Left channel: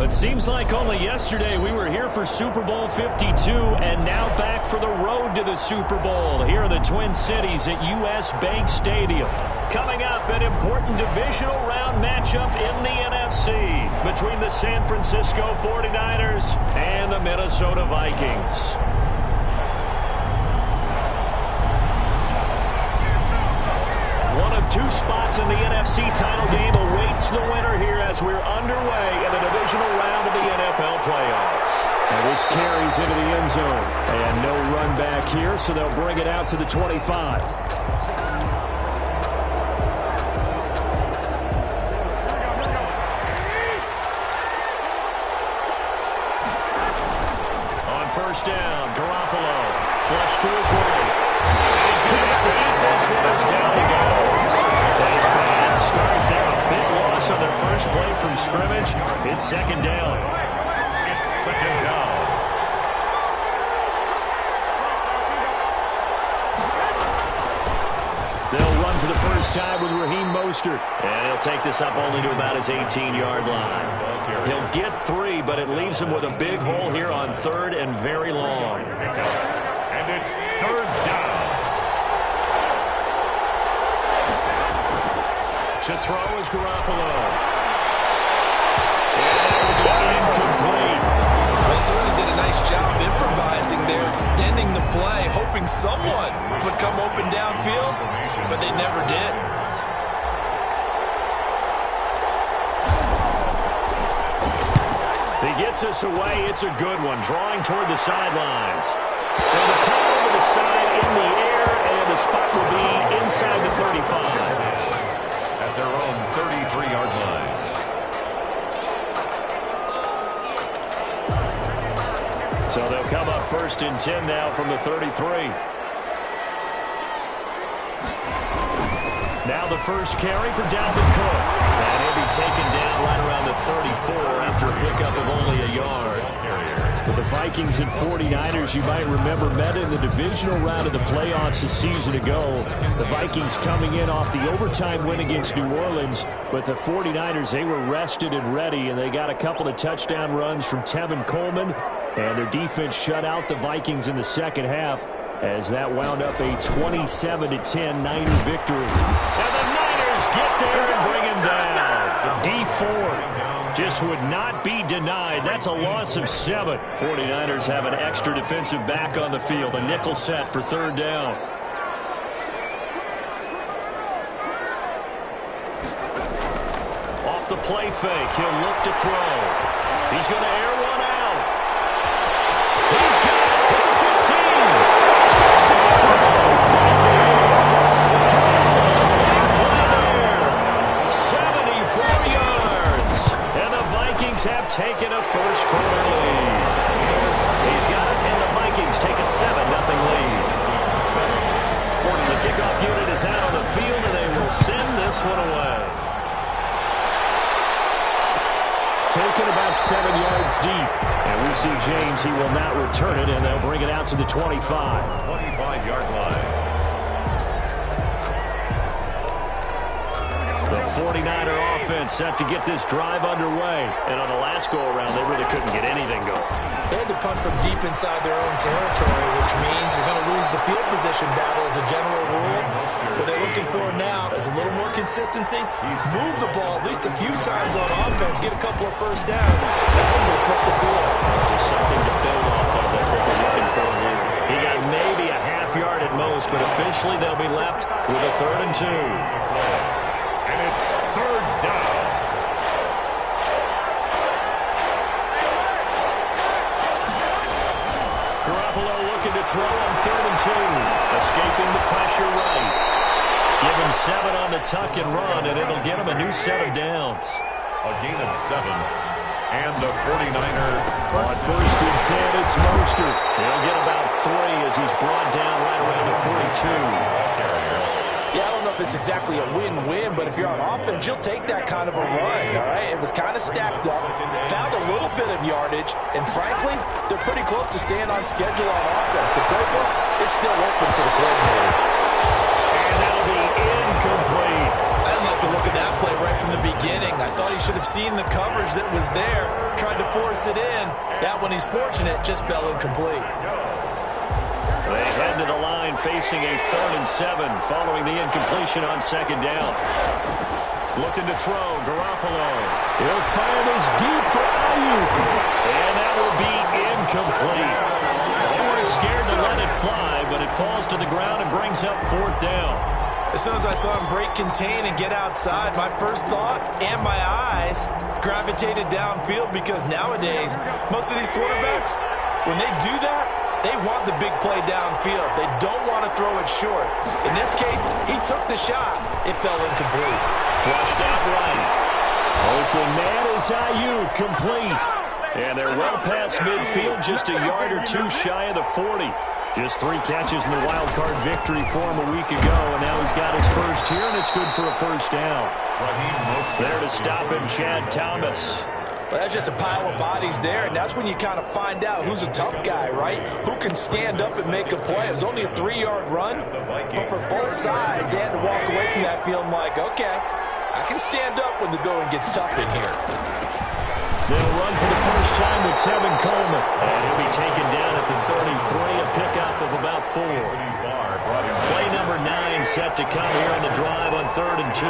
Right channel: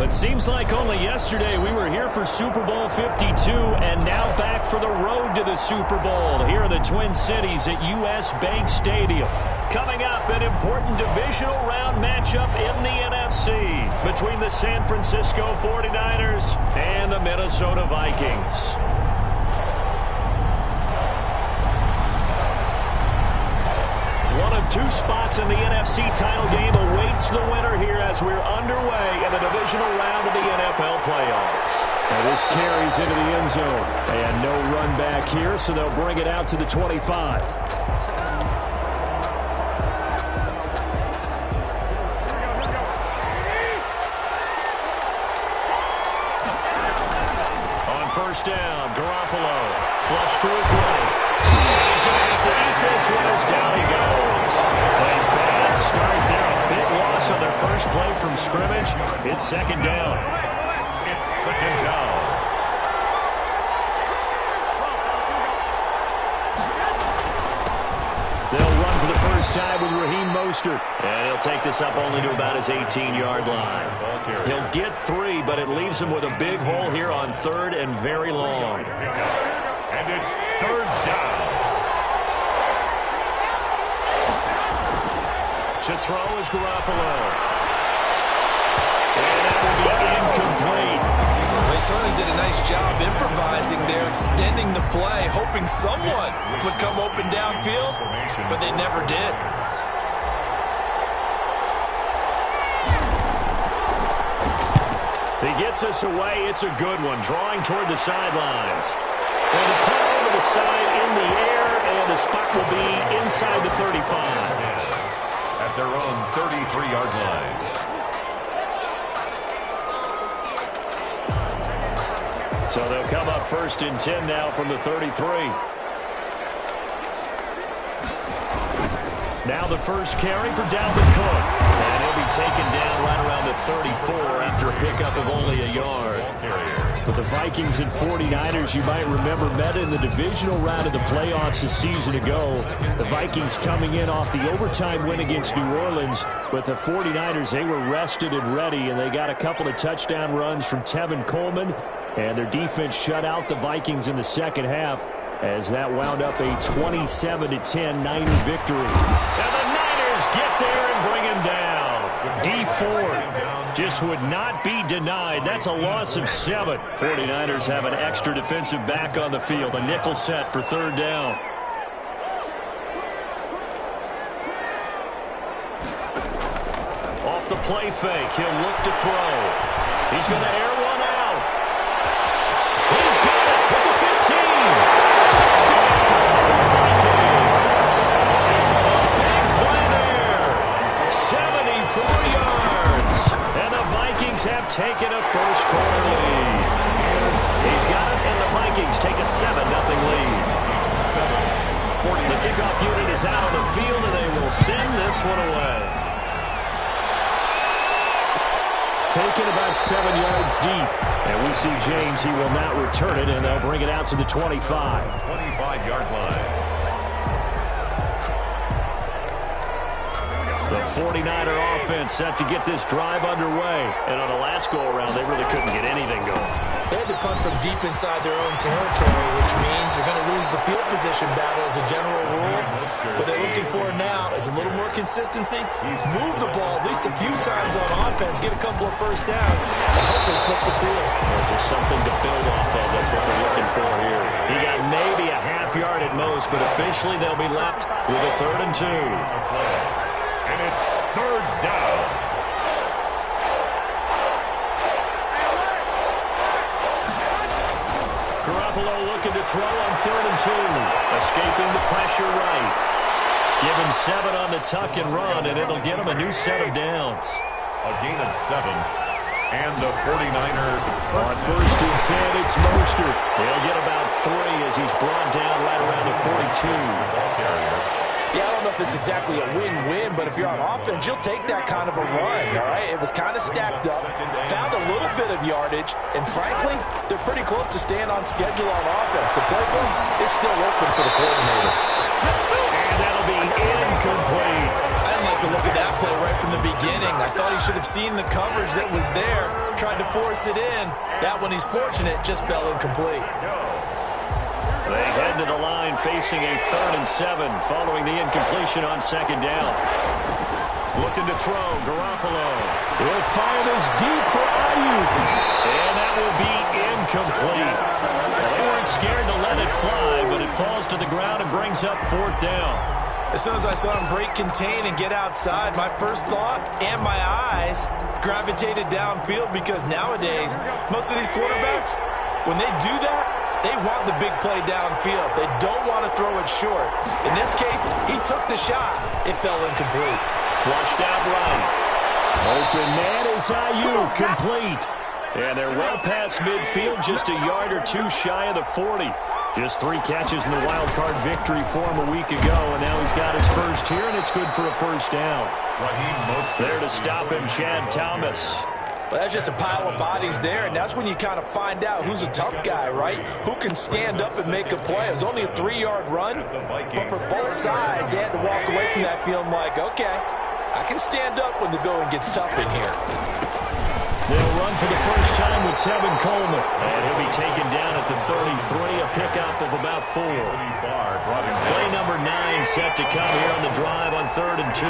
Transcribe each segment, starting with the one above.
It seems like only yesterday we were here for Super Bowl 52 and now back for the road to the Super Bowl here in the Twin Cities at US Bank Stadium. Coming up, an important divisional round matchup in the NFC between the San Francisco 49ers and the Minnesota Vikings. One of two spots in the NFC title game awaits the winner here as we're underway in the divisional round of the NFL playoffs. And this carries into the end zone. And no run back here, so they'll bring it out to the 25. On first down, Garoppolo flush to his right. And he's going to have to eat this one as down he goes. A bad start there. A big loss on their first play from scrimmage. It's second down. It's second down. They'll run for the first time with Raheem Mostert. And he'll take this up only to about his 18-yard line. He'll get 3, but it leaves him with a big hole here on third and very long. And it's third down. To throw is Garoppolo. And that will be incomplete. They certainly did a nice job improvising there, extending the play, hoping someone would come open downfield, but they never did. He gets us away. It's a good one, drawing toward the sidelines. And the play over the side in the air, and the spot will be inside the 35. At their own 33-yard line. So they'll come up first and 10 now from the 33. Now the first carry for Dalvin Cook. And he'll be taken down right around the 34 after a pickup of only a yard. But the Vikings and 49ers, you might remember, met in the divisional round of the playoffs a season ago. The Vikings coming in off the overtime win against New Orleans. But the 49ers, they were rested and ready, and they got a couple of touchdown runs from Tevin Coleman. And their defense shut out the Vikings in the second half as that wound up a 27-10 Niner victory. Now the Niners get there and bring him down. D Ford just would not be denied. That's a loss of 7. 49ers have an extra defensive back on the field. A nickel set for third down. Off the play fake, he'll look to throw. He's going to air one out. He's got it with the 15. Touchdown, Vikings. A big play there. 74 yards. And the Vikings have taken a first-quarter lead. He's got it, and the Vikings take a 7-0 lead. The kickoff unit is out on the field, and they will send this one away. Taken about 7 yards deep. And we see James, he will not return it, and they'll bring it out to the 25. 25-yard line. The 49er offense set to get this drive underway. And on the last go-around, they really couldn't get anything going. They had to punt from deep inside their own territory, which means you're going to lose the field position battle as a general rule. What they're looking for now is a little more consistency. Move the ball at least a few times on offense, get a couple of first downs, and hopefully flip the field. Just something to build off of. That's what they're looking for here. He got maybe a half yard at most, but officially they'll be left with a 3rd and 2. And it's third down. Garoppolo looking to throw on 3rd and 2. Escaping the pressure right. Give him 7 on the tuck and run, and it'll get him a new set of downs. A gain of 7. And the 49ers. On first and 10, it's Mostert. He'll get about 3 as he's brought down right around the 42. Yeah, I don't know if it's exactly a win-win, but if you're on offense, you'll take that kind of a run, all right? It was kind of stacked up, found a little bit of yardage, and frankly, they're pretty close to staying on schedule on offense. The playbook is still open for the coordinator. And that'll be incomplete. I didn't like the a look at that play right from the beginning. I thought he should have seen the coverage that was there, tried to force it in. That one, he's fortunate, just fell incomplete. They head to the line facing a 3rd and 7 following the incompletion on 2nd down. Looking to throw, Garoppolo. He'll fire this deep for Ayuk. And that will be incomplete. Well, they weren't scared to let it fly, but it falls to the ground and brings up 4th down. As soon as I saw him break contain and get outside, my first thought and my eyes gravitated downfield, because nowadays, most of these quarterbacks, when they do that, they want the big play downfield. They don't want to throw it short. In this case, he took the shot. It fell incomplete. Flushed out right. Open man is Ayuk, complete. And they're well past midfield, just a yard or two shy of the 40. Just 3 catches in the wild card victory for him a week ago, and now he's got his first here, and it's good for a 1st down. There to stop him, Chad Thomas. But that's just a pile of bodies there, and that's when you kind of find out who's a tough guy, right? Who can stand up and make a play. It was only a 3-yard run, but for both sides, they had to walk away from that feeling like, okay, I can stand up when the going gets tough in here. They'll run for the first time with Tevin Coleman, and he'll be taken down at the 33, a pickup of about 4. Play number 9 set to come here on the drive on 3rd and 2.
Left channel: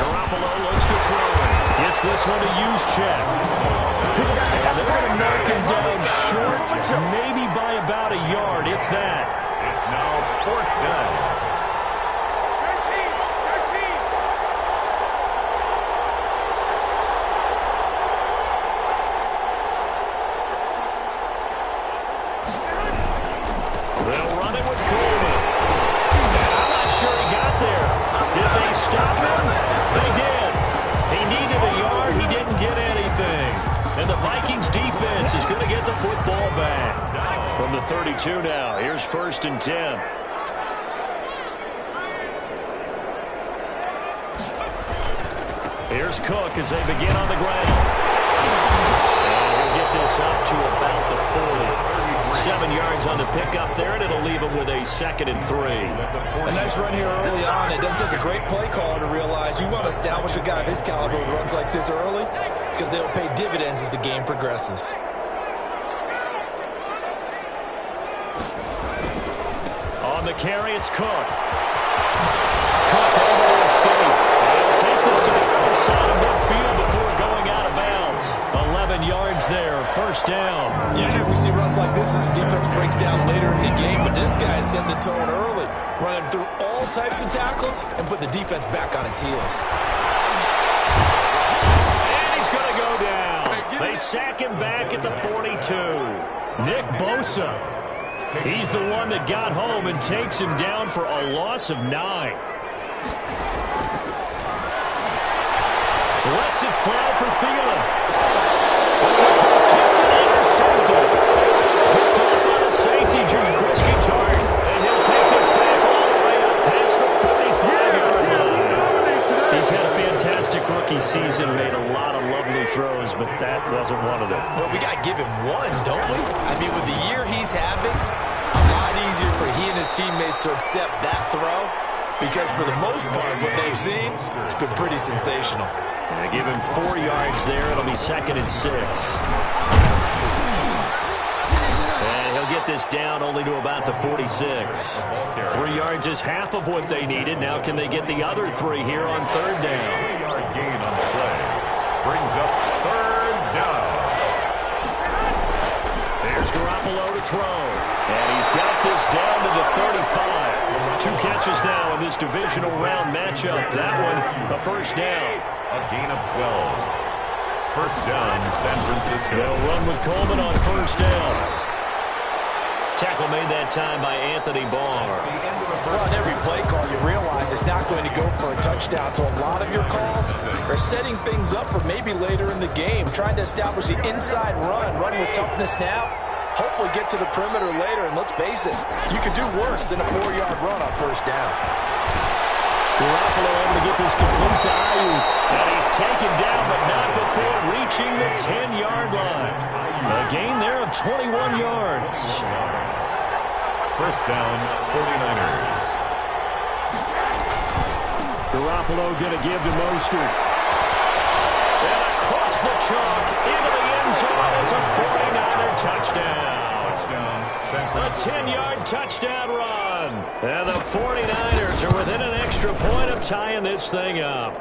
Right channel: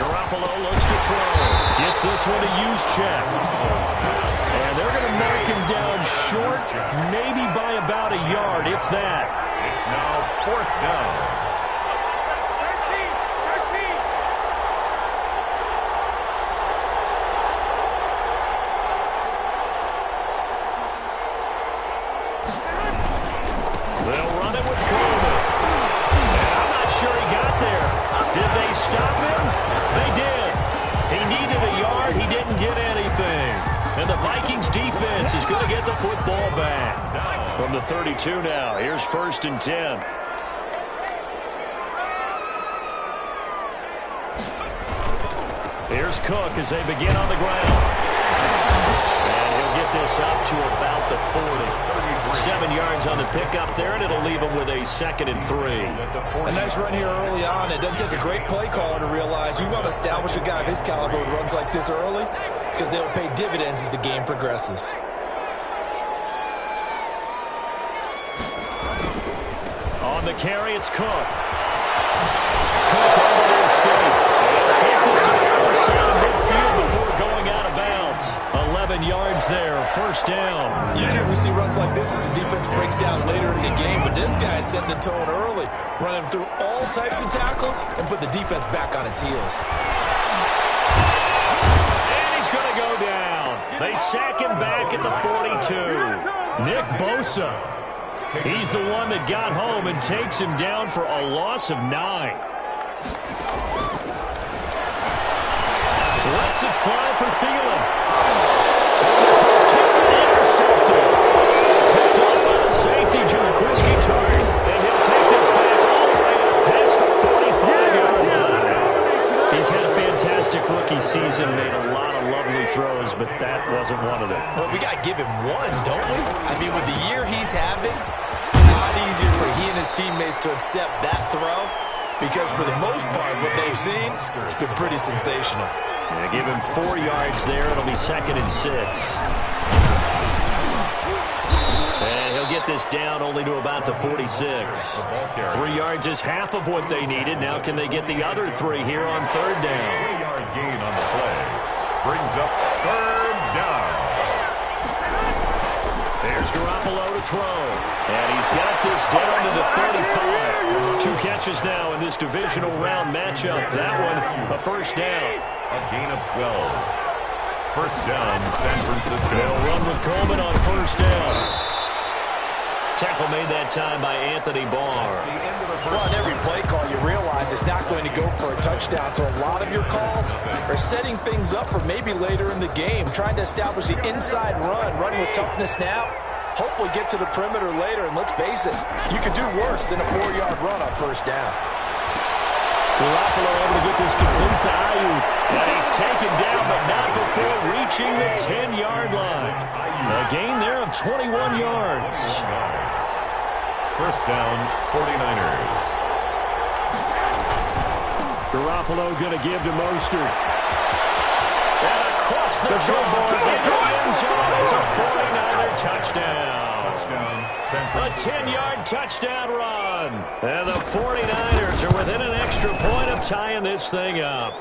Garoppolo looks to throw. Gets this one to Juszczyk. And they're going to mark him down short, maybe by about a yard, if that. It's now 4th down. They'll run it with Coleman. And I'm not sure he got there. Did they stop him? They did. He needed a yard. He didn't get anything. And the Vikings defense is going to get the football back. From the 32 now, here's 1st and 10. Here's Cook as they begin on the ground. And he'll get this up to about the 40. 7 yards on the pickup there, and it'll leave him with a 2nd and 3. A nice run here early on. It doesn't take a great play caller to realize you want to establish a guy of his caliber with runs like this early, because they'll pay dividends as the game progresses. On the carry, it's Cook. Cook able to escape. He'll take this to the other side of midfield before going out of bounds. 11 yards there, 1st down. Usually we see runs like this as the defense breaks down later in the game, but this guy set the tone early, running through all types of tackles and put the defense back on its heels. And he's going to go down. They sack him back at the 42. Nick Bosa. He's the one that got home and takes him down for a loss of 9. Lets it fly for Thielen. And this ball's tipped and intercepted. Picked up by the safety, Jaquiski Tartt. And he'll take this back all the way up past the 45-yard line. He's had a fantastic rookie season, made a lot of lovely throws, but that wasn't one of them. Well, we got to give him one, don't we? I mean, with the year he's having, a lot easier for he and his teammates to accept that throw, because for the most part, what they've seen, it's been pretty sensational. And give him 4 yards there. It'll be 2nd and 6. And he'll get this down only to about the 46. 3 yards is half of what they needed. Now can they get the other 3 here on 3rd down? 3-yard gain on the play. Brings up 3rd down. There's Garoppolo to throw. And he's got this down to the 35. 2 catches now in this divisional round matchup. That one, a 1st down. A gain of 12. 1st down, San Francisco. They'll run with Coleman on 1st down. Tackle made that time by Anthony Barr. Well, in every play call, you realize it's not going to go for a touchdown. So a lot of your calls are setting things up for maybe later in the game, trying to establish the inside run with toughness now. Hopefully get to the perimeter later, and let's face it, you could do worse than a 4-yard run on 1st down. Garoppolo able to get this complete to Ayuk. And he's taken down, but not before reaching the 10-yard line. A gain there of 21 yards. 1st down, 49ers. Garoppolo going to give to Mostert. And across the chalk into the end zone. It's a 49er touchdown. A 10-yard touchdown run. And the 49ers are within an extra point of tying this thing up.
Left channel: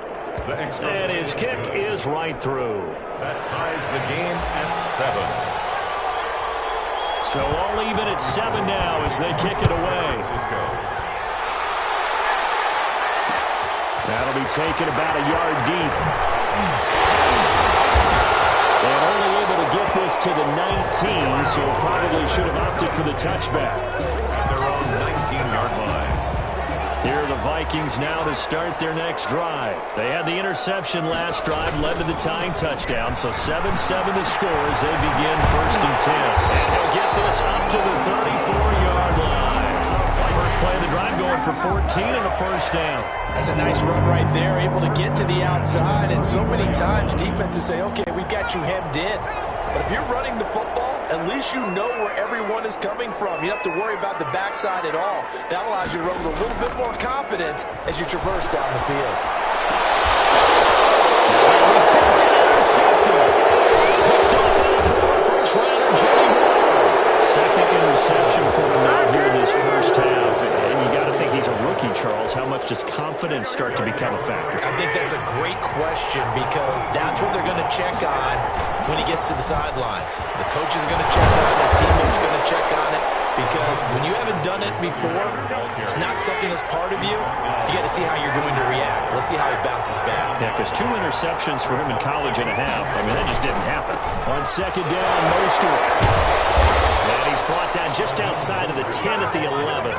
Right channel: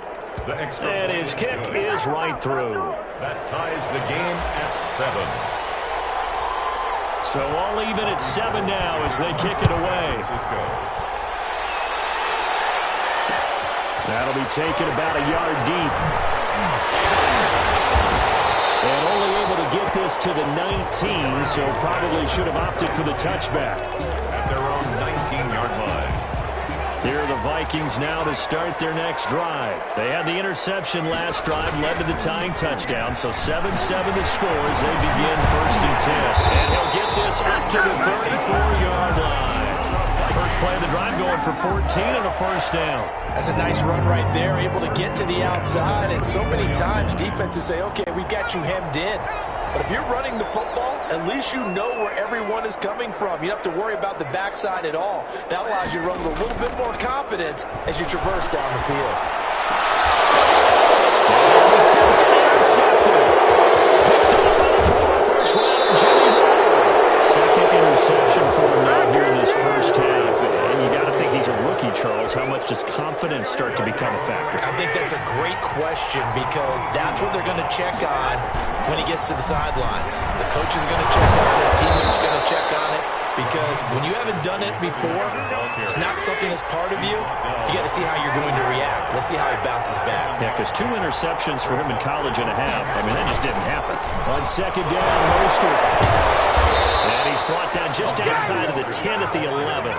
And his kick is right through. That ties the game at 7. So all even at 7 now as they kick it away. That'll be taken about a yard deep. And only able to get this to the 19, so probably should have opted for the touchback. At their own 19-yard line. Here are the Vikings now to start their next drive. They had the interception last drive, led to the tying touchdown, so 7-7 the score as they begin 1st and 10. And he'll get this up to the 34-yard line. First play of the drive going for 14 and a first down. That's a nice run right there, able to get to the outside. And so many times defenses say, okay, we got you hemmed in. But if you're running the football, at least you know where everyone is coming from. You don't have to worry about the backside at all. That allows you to run with a little bit more confidence as you traverse down the field. Now attempted, intercepted. Picked up by the former first-rounder, Jimmy Ward. Second interception for him now here in this first half. And you got to think he's a rookie, Charles. How much does confidence start to become a factor? I think that's a great question because that's what they're going to check on when he gets to the sidelines. The coach is going to check on it. His teammates are going to check on it because when you haven't done it before, it's not something that's part of you. You got to see how you're going to react. Let's see how he bounces back. Yeah, because 2 interceptions for him in college and a half. I mean, that just didn't happen. On second down, Mostert. And he's brought down just outside of the 10 at the 11.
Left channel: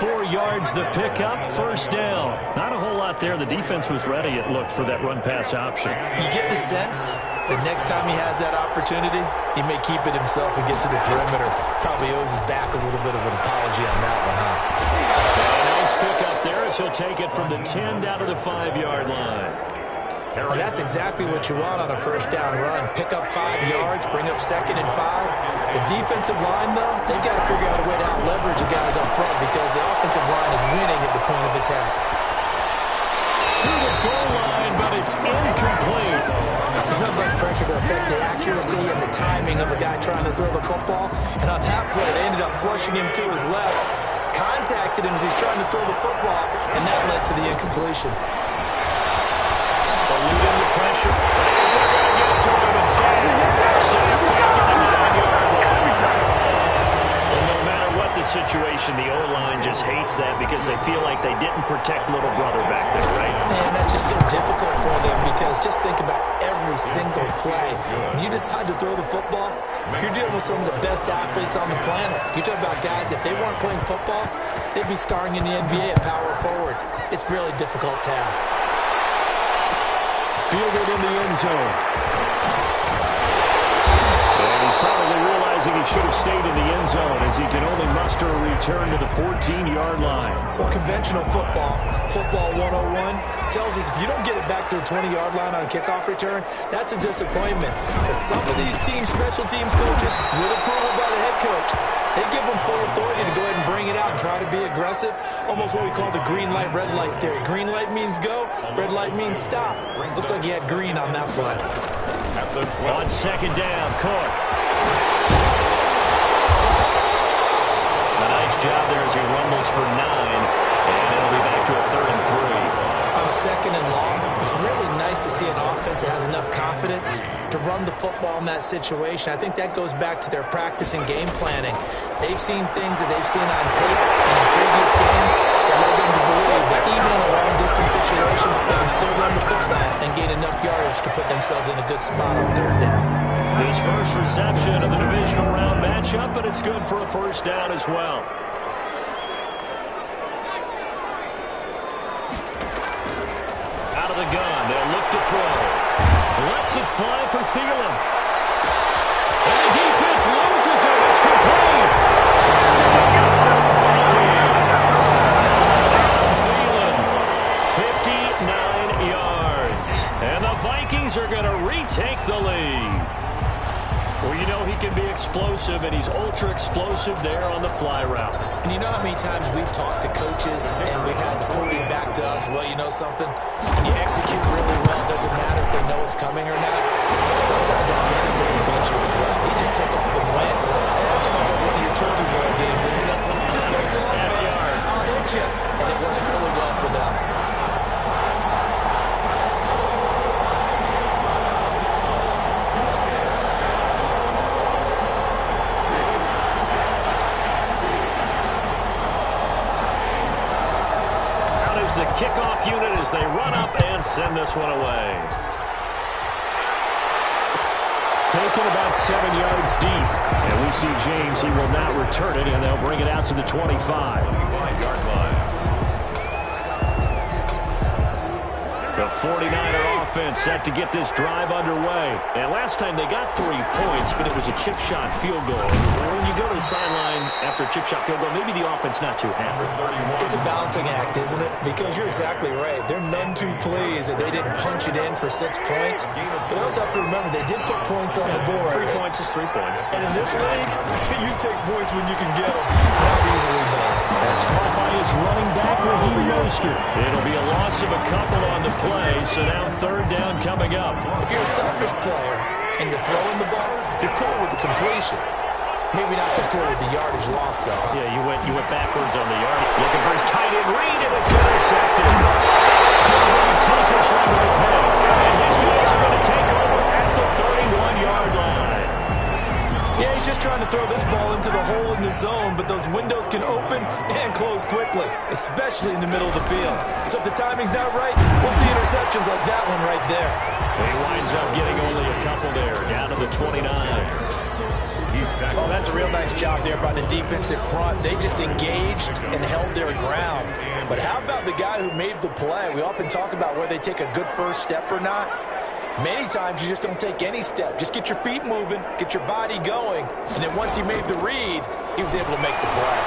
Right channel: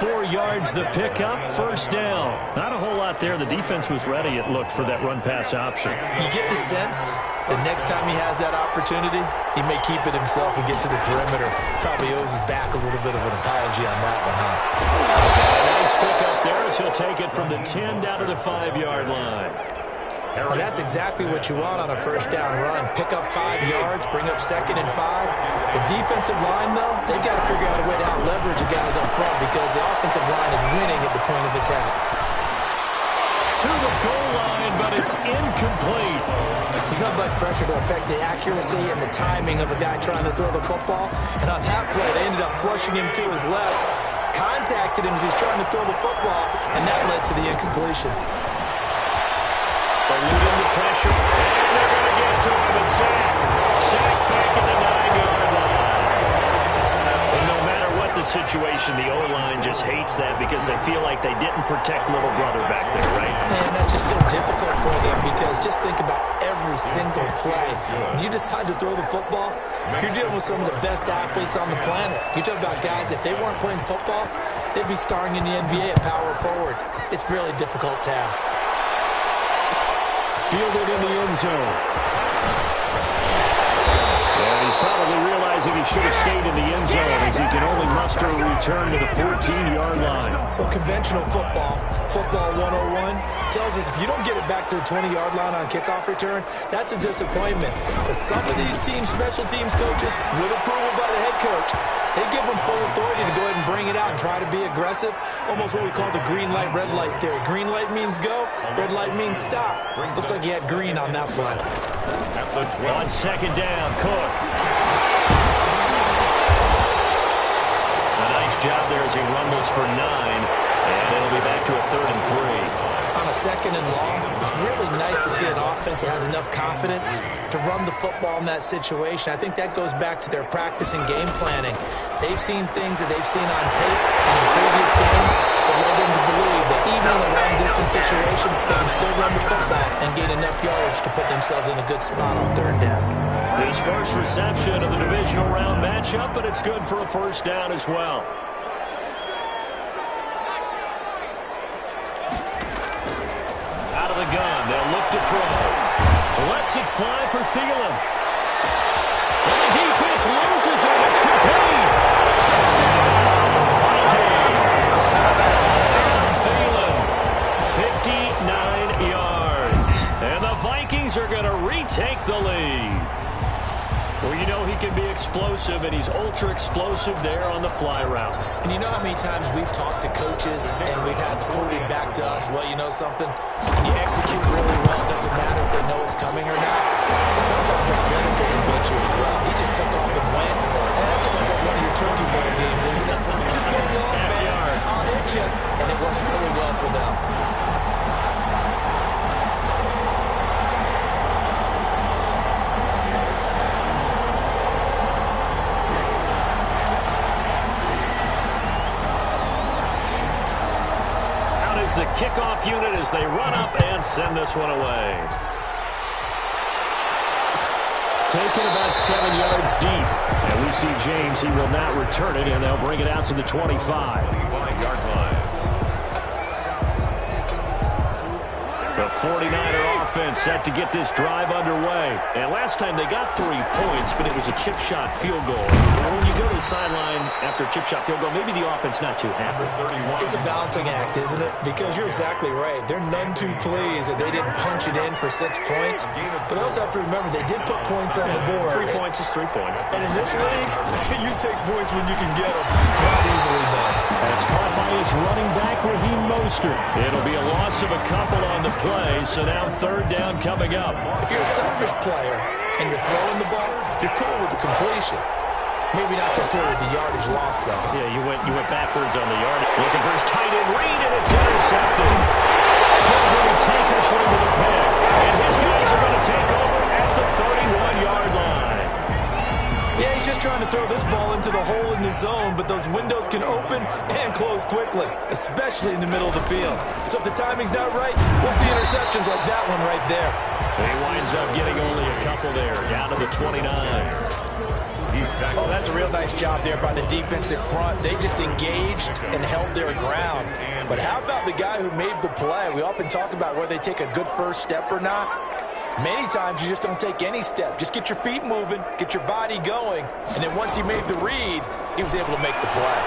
4 yards the pickup, first down. Not a whole lot there. The defense was ready, it looked, for that run-pass option. You get the sense that next time he has that opportunity, he may keep it himself and get to the perimeter. Probably owes his back a little bit of an apology on that one, huh? And a nice pickup there as he'll take it from the 10 down to the 5-yard line. Well, that's exactly what you want on a first down run. Pick up 5 yards, bring up 2nd and 5. The defensive line, though, they've got to figure out a way to out-leverage the guys up front because the offensive line is winning at the point of attack. To the goal line, but it's incomplete. There's nothing but pressure to affect the accuracy and the timing of a guy trying to throw the football. And on that play, they ended up flushing him to his left, contacted him as he's trying to throw the football, and that led to the incompletion. Eluding the pressure, and they're going to get to him. A sack back at the 9-yard line. And no matter what the situation, the O-line just hates that because they feel like they didn't protect little brother back there, right? Man, that's just so difficult for them because just think about every single play. When you decide to throw the football, you're dealing with some of the best athletes on the planet. You talk about guys, if they weren't playing football, they'd be starring in the NBA at power forward. It's a really difficult task. Fielded in the end zone. And he's probably realizing he should have stayed in the end zone as he can only muster a return to the 14-yard line. Well, conventional football 101, tells us if you don't get it back to the 20-yard line on a kickoff return, that's a disappointment. Because some of these special teams coaches, with approval by the head coach, they give them full authority to go ahead and bring it out and try to be aggressive. Almost what we call the green light, red light theory. Green light means go, red light means stop. Looks like he had green on that play. On second down, Cook. A nice job there as he rumbles for 9. And it'll be back to a 3rd and 3. On a 2nd and long, it's really nice to see an offense that has enough confidence to run the football in that situation. I think that goes back to their practice and game planning. They've seen things that they've seen on tape and in previous games that led them to believe that even in a long-distance situation, they can still run the football and gain enough yardage to put themselves in a good spot on 3rd down. His first reception of the divisional round matchup, but it's good for a first down as well. Out of the gun, they'll look to throw. Lets it fly for Thielen. And the defense loses him. It's complete. Touchdown, Vikings. Adam Thielen, 59 yards. And the Vikings are going to retake the lead. Well, you know he can be explosive, and he's ultra explosive there on the fly route. And you know how many times we've talked to coaches and we've had quoted back to us, well, you know something? When you execute really well, it doesn't matter if they know it's coming or not. But sometimes athleticism beats you as well. He just took off and went. And that's almost like one of your turkey bowl games, isn't it? Just go long, man. I'll hit you. And it worked really well for them. The kickoff unit as they run up and send this one away. Taken about 7 yards deep. And we see James, he will not return it, and they'll bring it out to the 25. 25-yard line. The 49er offense set to get this drive underway. And last time they got 3 points, but it was a chip shot field goal. And when you go to the sideline after a chip shot field goal, maybe the offense not too happy. It's a balancing act, isn't it? Because you're exactly right. They're none too pleased that they didn't punch it in for 6 points. But they also have to remember they did put points on the board. 3 points is 3 points. And in this league, you take points when you can get them. Not easily done. That's caught by his running back, Raheem Mostert. It'll be a loss of a couple on the play, so now 3rd down coming up. If you're a selfish player and you're throwing the ball, you're cool with the completion. Maybe not so cool with the yardage loss, though. Yeah, you went backwards on the yard. Looking for his tight end read, and it's intercepted. Cordray Tankersley with a pick. And his guys are going to take over at the 31-yard line. Yeah, he's just trying to throw this ball into the hole in the zone, but those windows can open and close quickly, especially in the middle of the field. So if the timing's not right, we'll see interceptions like that one right there. He winds up getting only a couple there, down to the 29. Oh, that's a real nice job there by the defensive front. They just engaged and held their ground. But how about the guy who made the play? We often talk about whether they take a good first step or not. Many times you just don't take any step. Just get your feet moving, get your body going, and then once he made the read, he was able to make the play.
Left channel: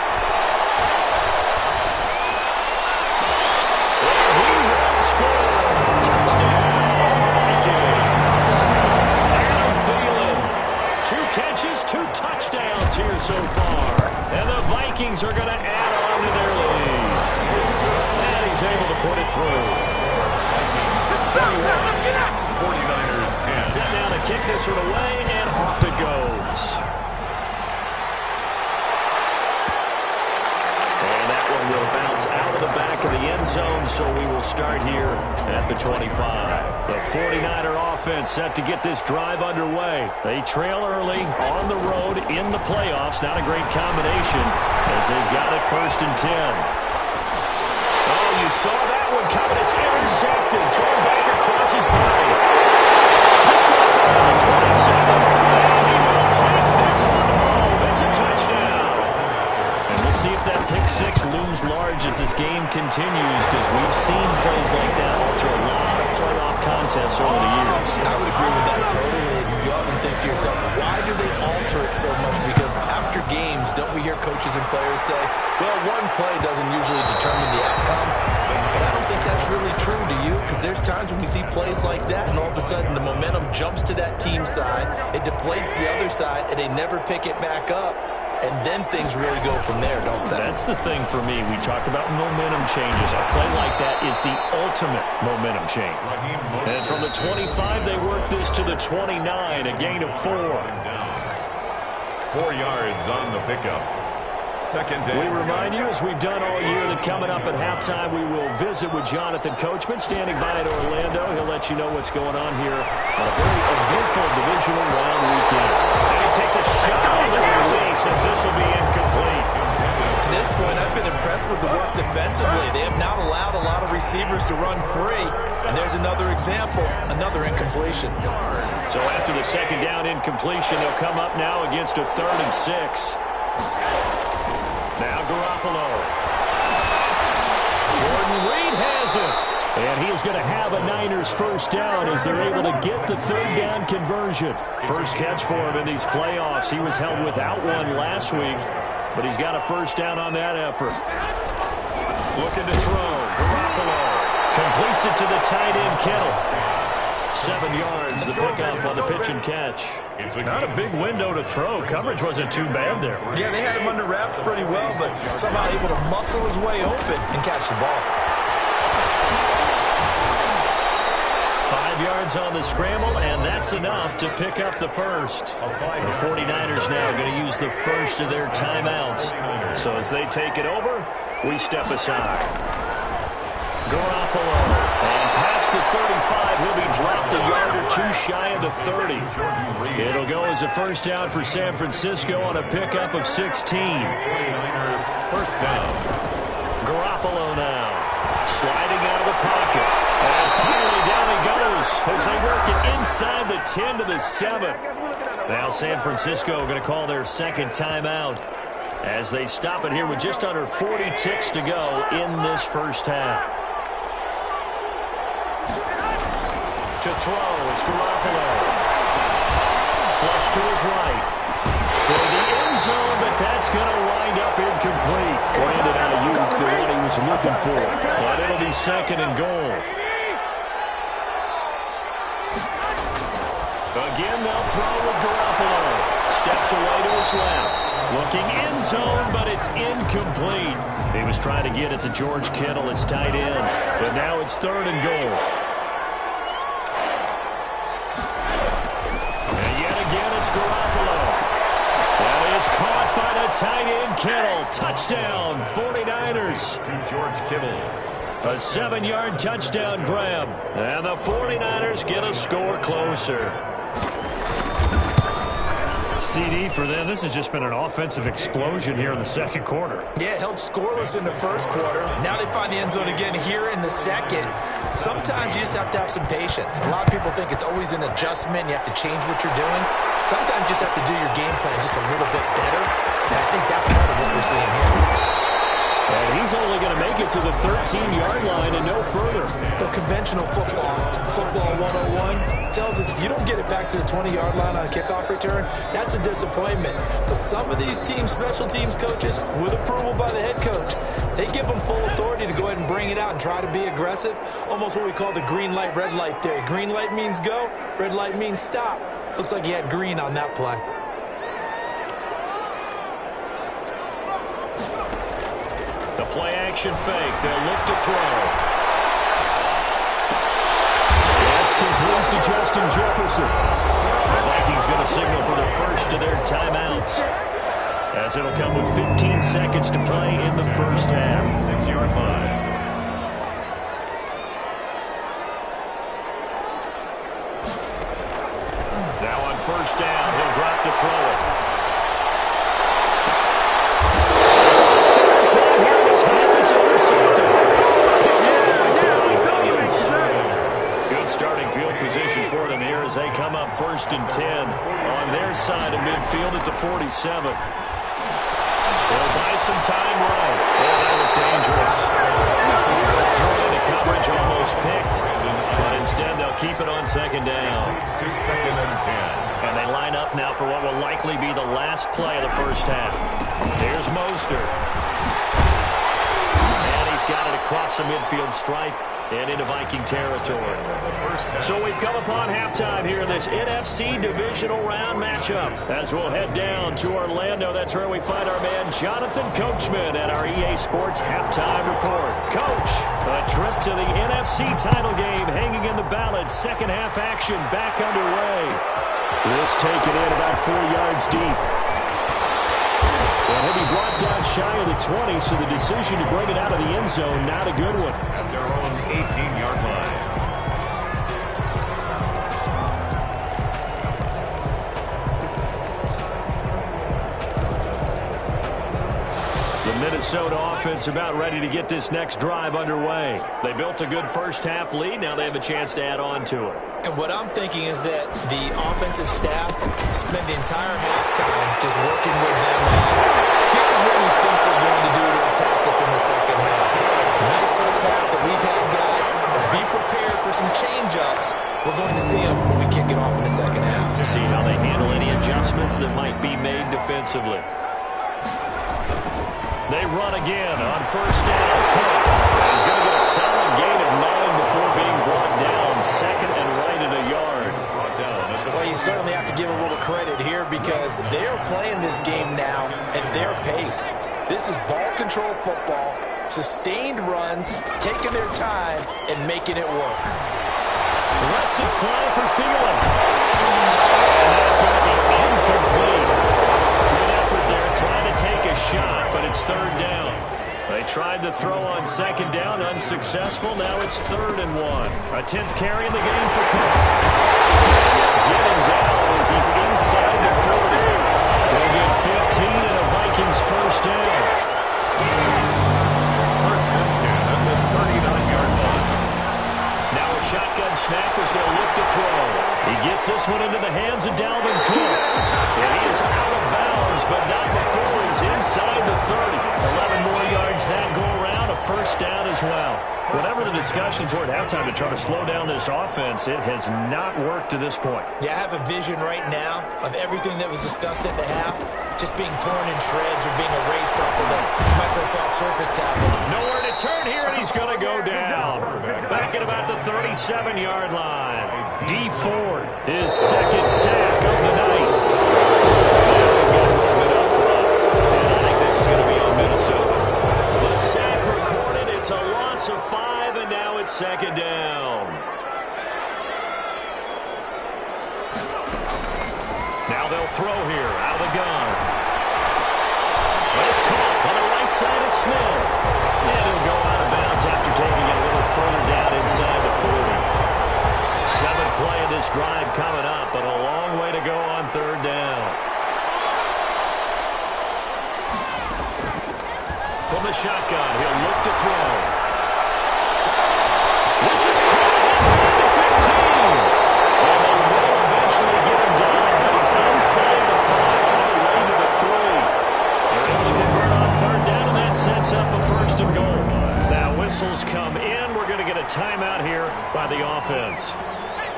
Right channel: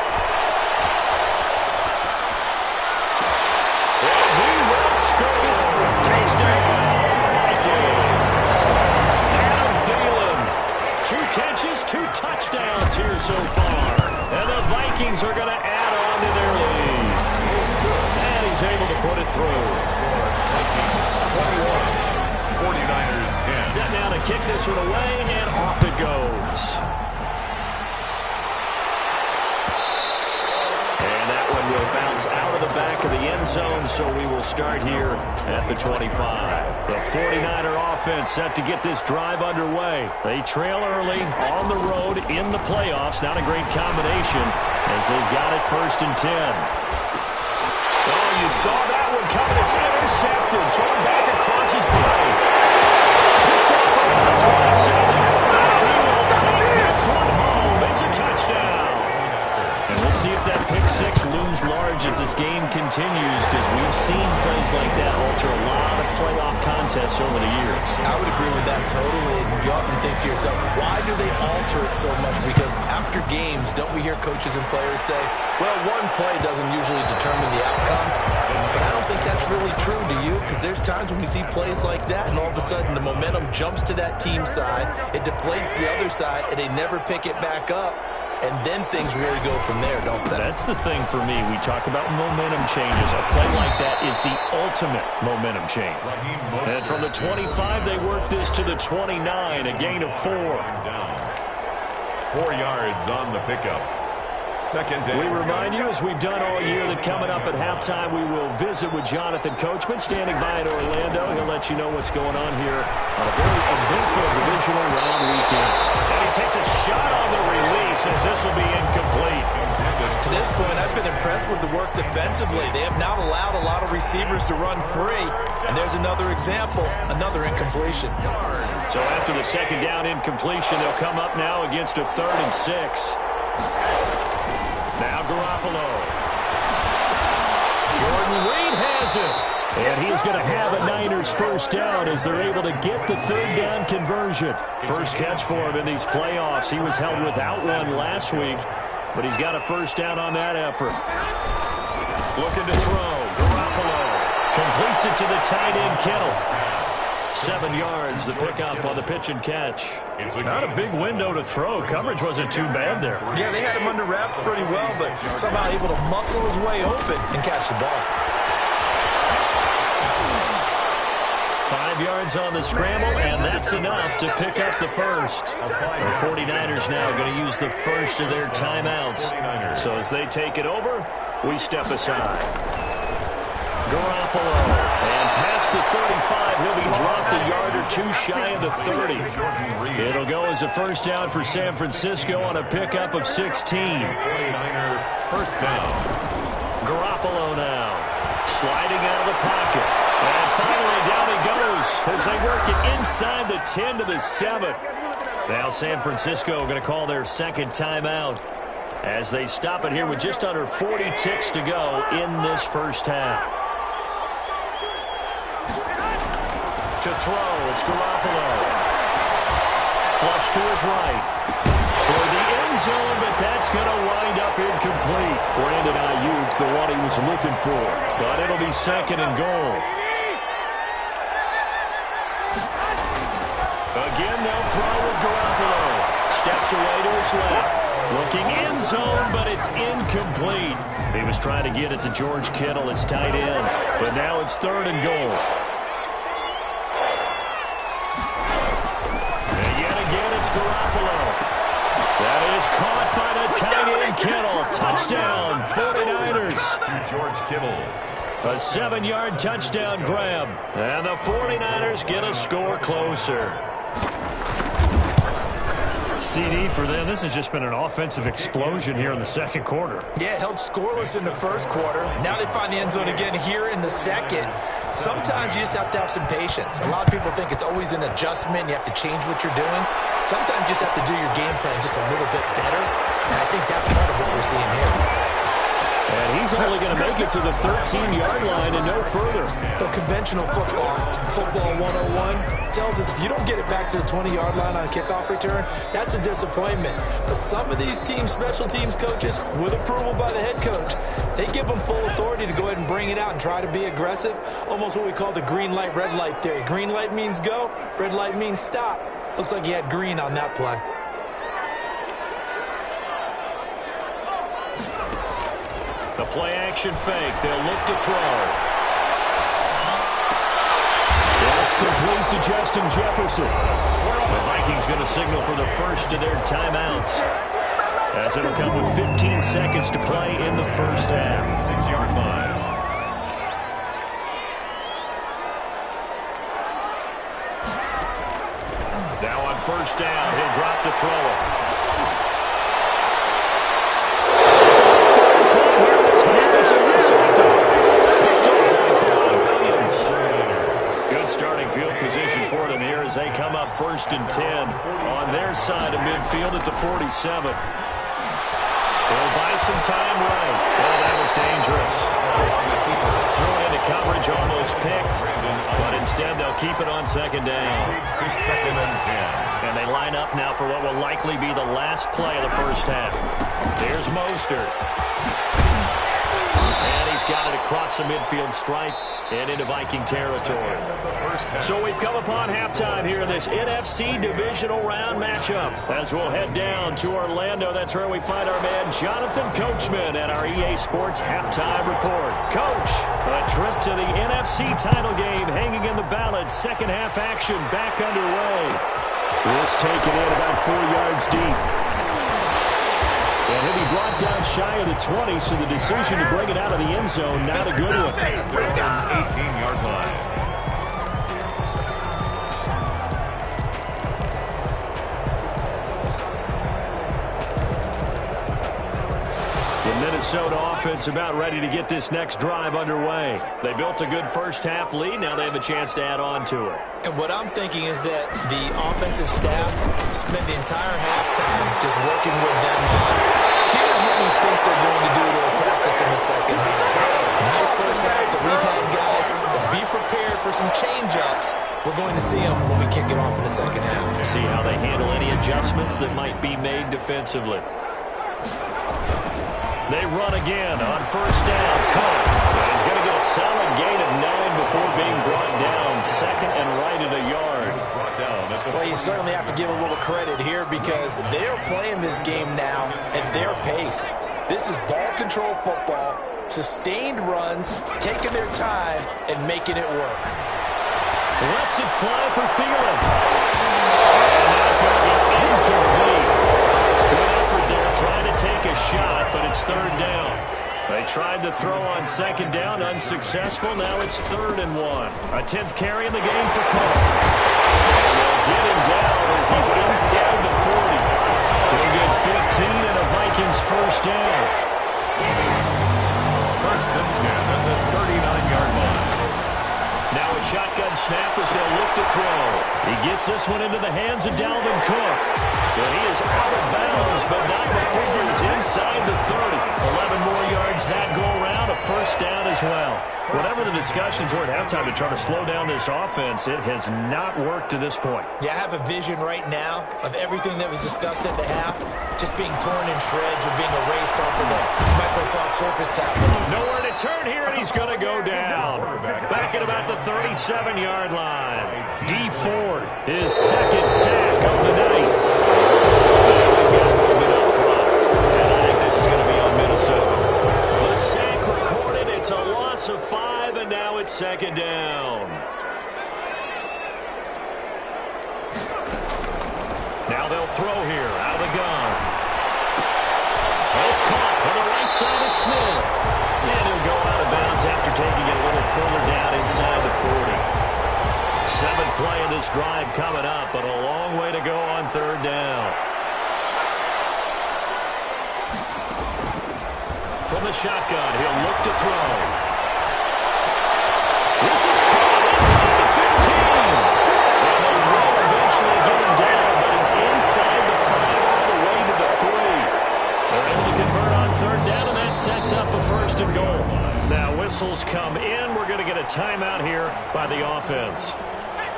And he will score. Touchdown, Vikings. Adam Thielen, 2 catches, 2 touchdowns here so far. And the Vikings are going to add on to their lead. And he's able to put it through. 41. 49ers 10. Set now to kick this one away, and off it goes. And that one will bounce out of the back of the end zone, so we will start here at the 25. The 49er offense set to get this drive underway. They trail early on the road in the playoffs. Not a great combination as they've got it 1st and 10. Oh, you saw that one coming. It's intercepted. Thrown back across his body. Picked off around the 27. And he will take this one home. It's a touchdown. And we'll see if that pick 6 looms large as this game continues, because we've seen plays like that alter a lot of playoff contests over the years. I would agree with that totally. And you often think to yourself, why do they alter it so much? Because after games, don't we hear coaches and players say, well, one play doesn't usually determine the outcome. But I don't think that's really true, do you? Because there's times when we see plays like that, and all of a sudden the momentum jumps to that team side, it deflates the other side, and they never pick it back up. And then things really go from there, don't they? That's the thing for me. We talk about momentum changes. A play like that is the ultimate momentum change. And from the 25, they work this to the 29, a gain of 4. 4 yards on the pickup. 2nd down. We remind you, as we've done all year, that coming up at halftime, we will visit with Jonathan Coachman, standing by in Orlando. He'll let you know what's going on here on a very eventful divisional round weekend. And he takes a shot on the release as this will be incomplete. To this point, I've been impressed with the work defensively. They have not allowed a lot of receivers to run free. And there's another example, another incompletion. So after the 2nd down incompletion, they'll come up now against a 3rd and 6. Now Garoppolo. Jordan Reed has it. And he's going to have a Niners 1st down as they're able to get the 3rd down conversion. First catch for him in these playoffs. He was held without one last week, but he's got a 1st down on that effort. Looking to throw. Garoppolo completes it to the tight end, Kittle. 7 yards, the pickup on the pitch and catch. Not a big window to throw. Coverage wasn't too bad there. Yeah, they had him under wraps pretty well, but somehow able to muscle his way open and catch the ball. 5 yards on the scramble, and that's enough to pick up the first. The 49ers now going to use the first of their timeouts. So as they take it over, we step aside. Garoppolo, and past the 35, he'll be dropped a yard or two shy of the 30. It'll go as a first down for San Francisco on a pickup of 16. 49er first down. Garoppolo now, sliding out of the pocket. And finally down he goes as they work it inside the 10 to the 7. Now San Francisco going to call their second timeout as they stop it here with just under 40 ticks to go in this first half. To throw, it's Garoppolo. Flush to his right. Toward the end zone, but that's going to wind up incomplete. Brandon Ayuk, the one he was looking for. But it'll be second and goal. Again, they'll throw with Garoppolo. Steps away to his left. Looking end zone, but it's incomplete. He was trying to get it to George Kittle, his tight end. But now it's third and goal. And yet again, it's Garoppolo. That is caught by the tight end, Kittle. Touchdown, 49ers. To George Kittle. A 7-yard touchdown grab. And the 49ers get a score closer. CD for them. This has just been an offensive explosion here in the second quarter. Yeah, held scoreless in the first quarter. Now they find the end zone again here in the second. Sometimes you just have to have some patience. A lot of people think it's always an adjustment. You have to change what you're doing. Sometimes you just have to do your game plan just a little bit better. And I think that's part of what we're seeing here. And he's only going to make it to the 13-yard line and no further. The conventional football 101, tells us if you don't get it back to the 20-yard line on a kickoff return, that's a disappointment. But some of these teams, special teams coaches, with approval by the head coach, they give them full authority to go ahead and bring it out and try to be aggressive. Almost what we call the green light, red light theory. Green light means go, red light means stop. Looks like he had green on that play. The play-action fake. They'll look to throw. That's complete to Justin Jefferson. The Vikings going to signal for the first of their timeouts, as it'll come with 15 seconds to play in the first half. 6-yard line. Now on first down, he'll drop to throw it. Here in this half, it's intercepted. Picked off by Kwan Williams. Good starting field position for them here as they come up 1st and 10 on their side of midfield at the 47. They'll buy some time right. Oh, that was dangerous. Thrown into coverage, almost picked. But instead, they'll keep it on second down. To 2nd and 10. And they line up now for what will likely be the last play of the first half. Here's Mostert. And he's got it across the midfield stripe and into Viking territory. So we've come upon halftime here in this NFC divisional round matchup. As we'll head down to Orlando, that's where we find our man Jonathan Coachman at our EA Sports halftime report. Coach, a trip to the NFC title game hanging in the balance. Second half action back underway. This taken in about 4 yards deep. And he'll be brought down shy of the 20, so the decision to bring it out of the end zone, not a good one. At their own 18-yard line. The Minnesota offense about ready to get this next drive underway. They built a good first half lead. Now they have a chance to add on to it. And what I'm thinking is that the offensive staff spent the entire halftime just working with them on, here's what we think they're going to do to attack us in the second half. Nice first half that we've had, guys, but be prepared for some change-ups. We're going to see them when we kick it off in the second half. See how they handle any adjustments that might be made defensively. They run again on first down. Cook. And he's going to get a solid gain of 9 before being brought down. Second and right at a yard. Well, you certainly have to give a little credit here because they are playing this game now at their pace. This is ball control football, sustained runs, taking their time, and making it work. Lets it fly for Thielen. And that's going to be incomplete. Good effort there, trying to take a shot, but it's third down. They tried to throw on second down, unsuccessful. Now it's 3rd and 1. A 10th carry in the game for Cook. And they'll get him down as he's inside the 40. They'll get 15 and a Vikings first down. First and 10 at the 39-yard line. Now a shotgun snap as they'll look to throw. He gets this one into the hands of Dalvin Cook. And he is out of bounds, but not before he's inside the 30. 11 more yards that go around, a first down as well. Whatever the discussions were at halftime to try to slow down this offense, it has not worked to this point. Yeah, I have a vision right now of everything that was discussed at the half just being torn in shreds or being erased off of the Microsoft Surface tablet. Nowhere to turn here, and he's going to go down. Back at about the 37-yard line. D. Ford, his second sack of the night. Now we've got movement up front, and I think this is going to be on Minnesota. The sack recorded. It's a loss of 5, and now it's second down. Now they'll throw here out of the gun. Well, it's caught on the right side at Smith. And he'll go out of bounds after taking it a little further down inside the 40. 7th play of this drive coming up, but a long way to go on third down. From the shotgun, he'll look to throw. This is caught inside the 15. And they will eventually get him down, but he's inside the 5 all the way to the 3. They're able to convert on third down, and that sets up a first and goal. Now whistles come in. We're going to get a timeout here by the offense.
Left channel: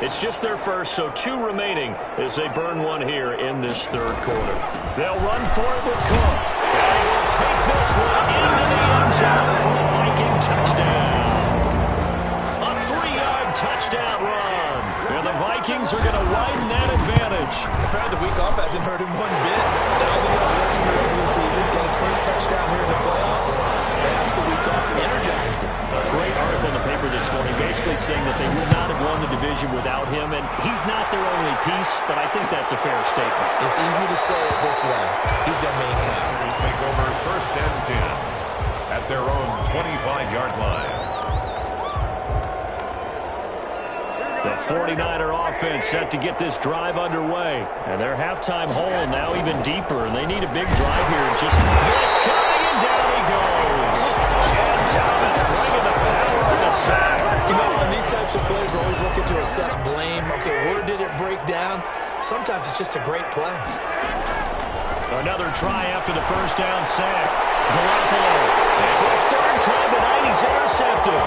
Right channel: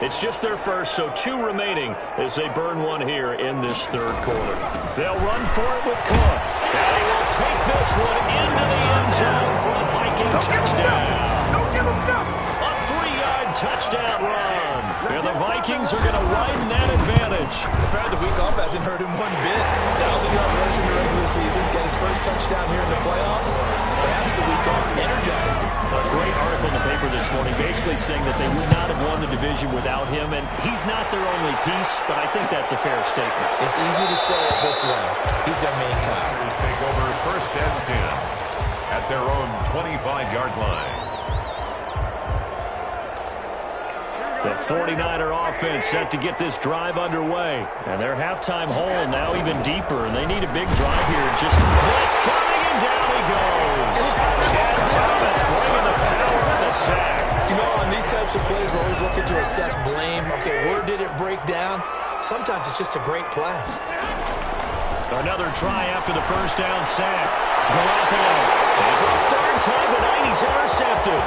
It's just their first, so 2 remaining as they burn one here in this third quarter. They'll run for it with Cook. And he will take this one into the end zone for a Viking touchdown. A 3-yard touchdown run. And the Vikings are going to widen that advantage. Apparently the week off hasn't hurt him one bit. 1,000-yard rush in the regular season. Get his first touchdown here in the playoffs. Perhaps the week off energized him. A great article in the paper this morning basically saying that they would not have won the division without him. And he's not their only piece, but I think that's a fair statement. It's easy to say it this way. He's their main guy. Take over first and 10 at their own 25-yard line. The 49er offense set to get this drive underway. And their halftime hole now even deeper. And they need a big drive here. Just blitz coming, and down he goes. Chad Thomas bringing the power on the sack. You know, on these types of plays, we're always looking to assess blame. Okay, where did it break down? Sometimes it's just a great play. Another try after the first down sack. Garoppolo. And for a third time tonight, he's intercepted.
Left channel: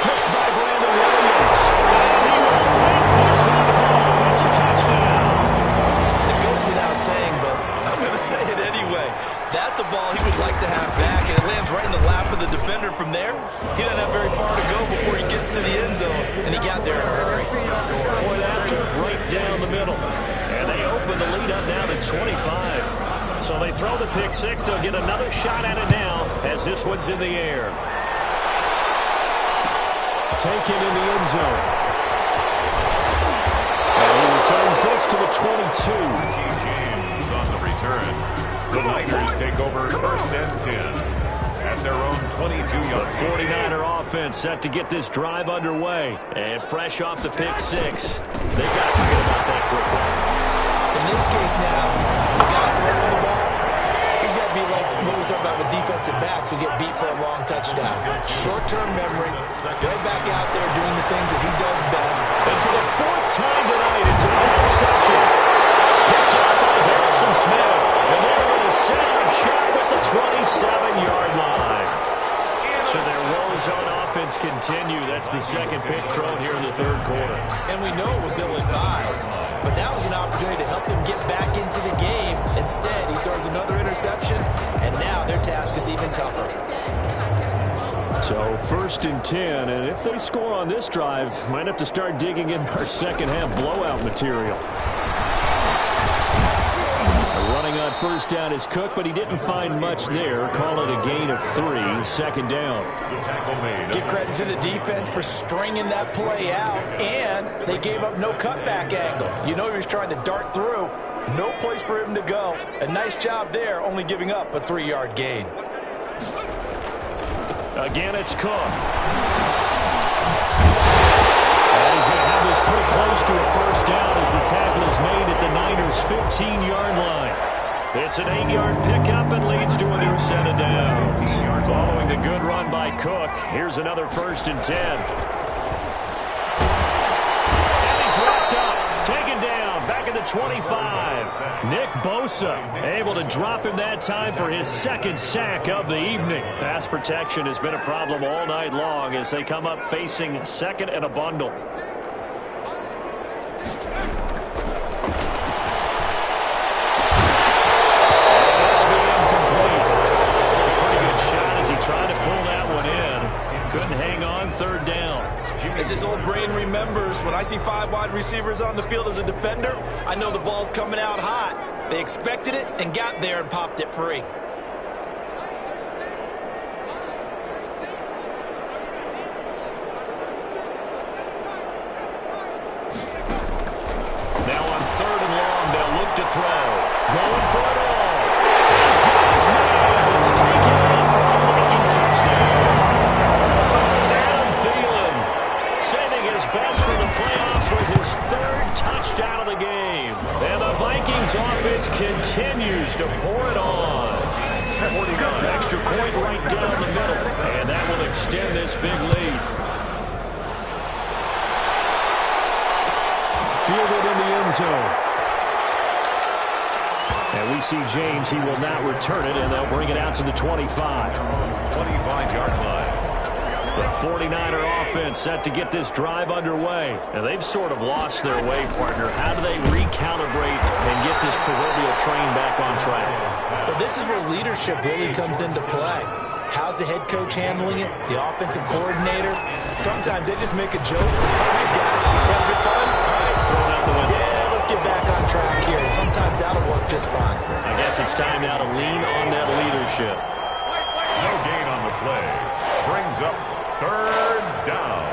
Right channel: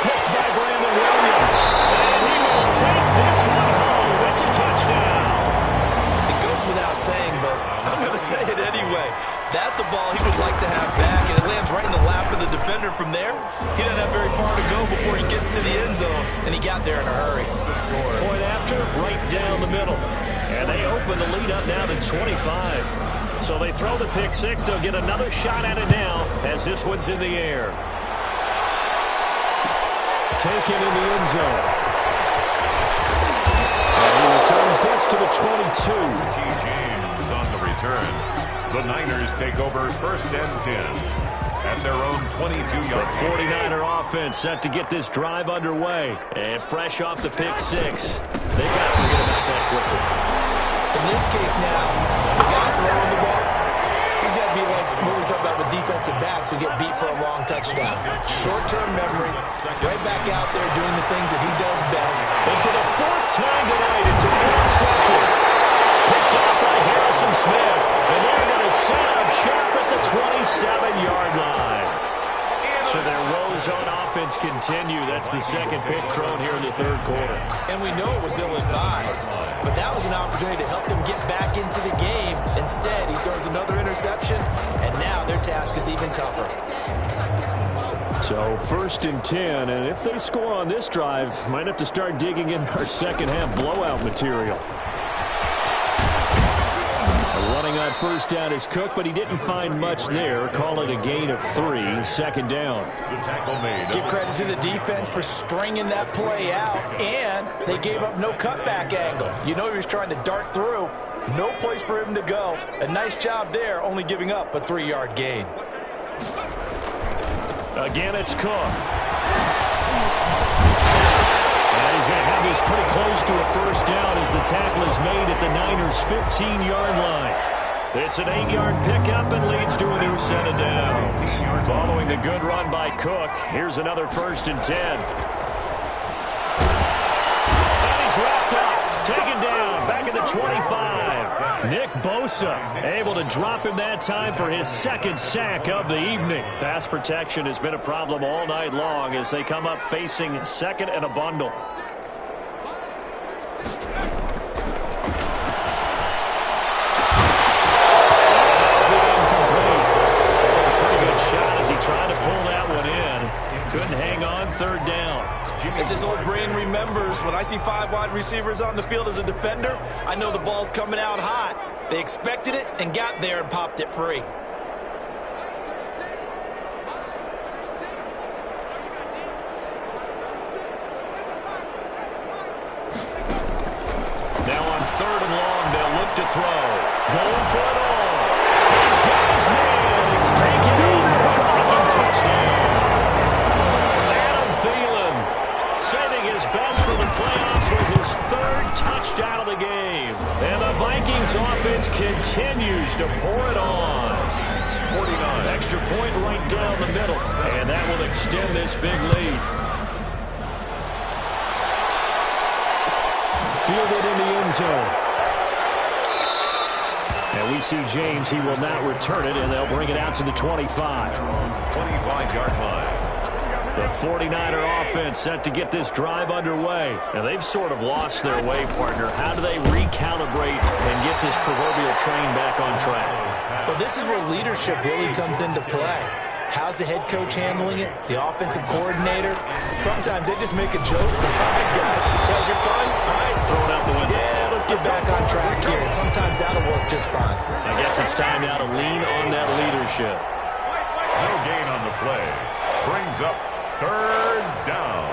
Picked by Brandon Williams. And he will take this one home. It's a touchdown. It goes without saying, but I'm going to say it anyway. That's a ball he would like to have back, and it lands right in the lap of the defender. From there, he doesn't have very far to go before he gets to the end zone, and he got there in a hurry. Point after, right down the middle. And they open the lead up now to 25. So they throw the pick six. They'll get another shot at it now as this one's in the air. Taken in the end zone. And he returns this to the 22. Richie James on the return. The Niners take over first and 10 at their own 22-yard. The 49er offense set to get this drive underway. And fresh off the pick six. They've got to forget about that quickly. In this case now, the guy throwing the ball, he's got to be like what we talk about with defensive backs who get beat for a long touchdown. Short-term memory, right back out there doing the things that he does best. And for the 4th time tonight, it's an interception. Picked off by Harrison Smith. And they're going to set up shop at the 27-yard line. So their woes on offense continue. That's the second pick thrown here in the third quarter. And we know it was ill-advised. but that was an opportunity to help them get back into the game. Instead, he throws another interception, and now their task is even tougher. So 1st and 10, and if they score on this drive, might have to start digging in our second half blowout material. Running on 1st down is Cook, but he didn't find much there. Call it a gain of 3, 2nd down. The tackle made. Give credit to the defense for stringing that play out, and they gave up no cutback angle. You know he was trying to dart through. No place for him to go. A nice job there, only giving up a 3-yard gain. Again, it's Cook. And he's going to have this pretty close to a 1st down as the tackle is made at the Niners' 15-yard line. It's an 8-yard pickup and leads to a new set of downs. Following the good run by Cook, here's another 1st and 10. And he's wrapped up, taken down, back at the 25. Nick Bosa able to drop him that time for his 2nd sack of the evening. Pass protection has been a problem all night long as they come up facing 2nd and a bundle. Tried to pull that one in. Couldn't hang on. 3rd down. As his old brain remembers, when I see 5 wide receivers on the field as a defender, I know the ball's coming out hot. They expected it and got there and popped it free. Now on 3rd and long, they'll look to throw. Going for it all. He's got his man. It's taken in for a Viking touchdown. Adam Thielen saving his best for the playoffs with his 3rd touchdown of the game. And the Vikings offense continues to pour it on. 49. Extra point right down the middle. And that will extend this big lead. Fielded in the end zone. And we see James. He will not return it, and they'll bring it out to the 25. 25-yard line. The 49er offense set to get this drive underway. And they've sort of lost their way, partner. How do they recalibrate and get this proverbial train back on track? Well, this is where leadership really comes into play. How's the head coach handling it? The offensive coordinator? Sometimes they just make a joke. All right, guys, you had your fun? All right. Throw it out the window. Yeah, let's get back on track here. And sometimes that'll work just fine. I guess it's time now to lean on that leadership. No gain on the play. Brings up 3rd down.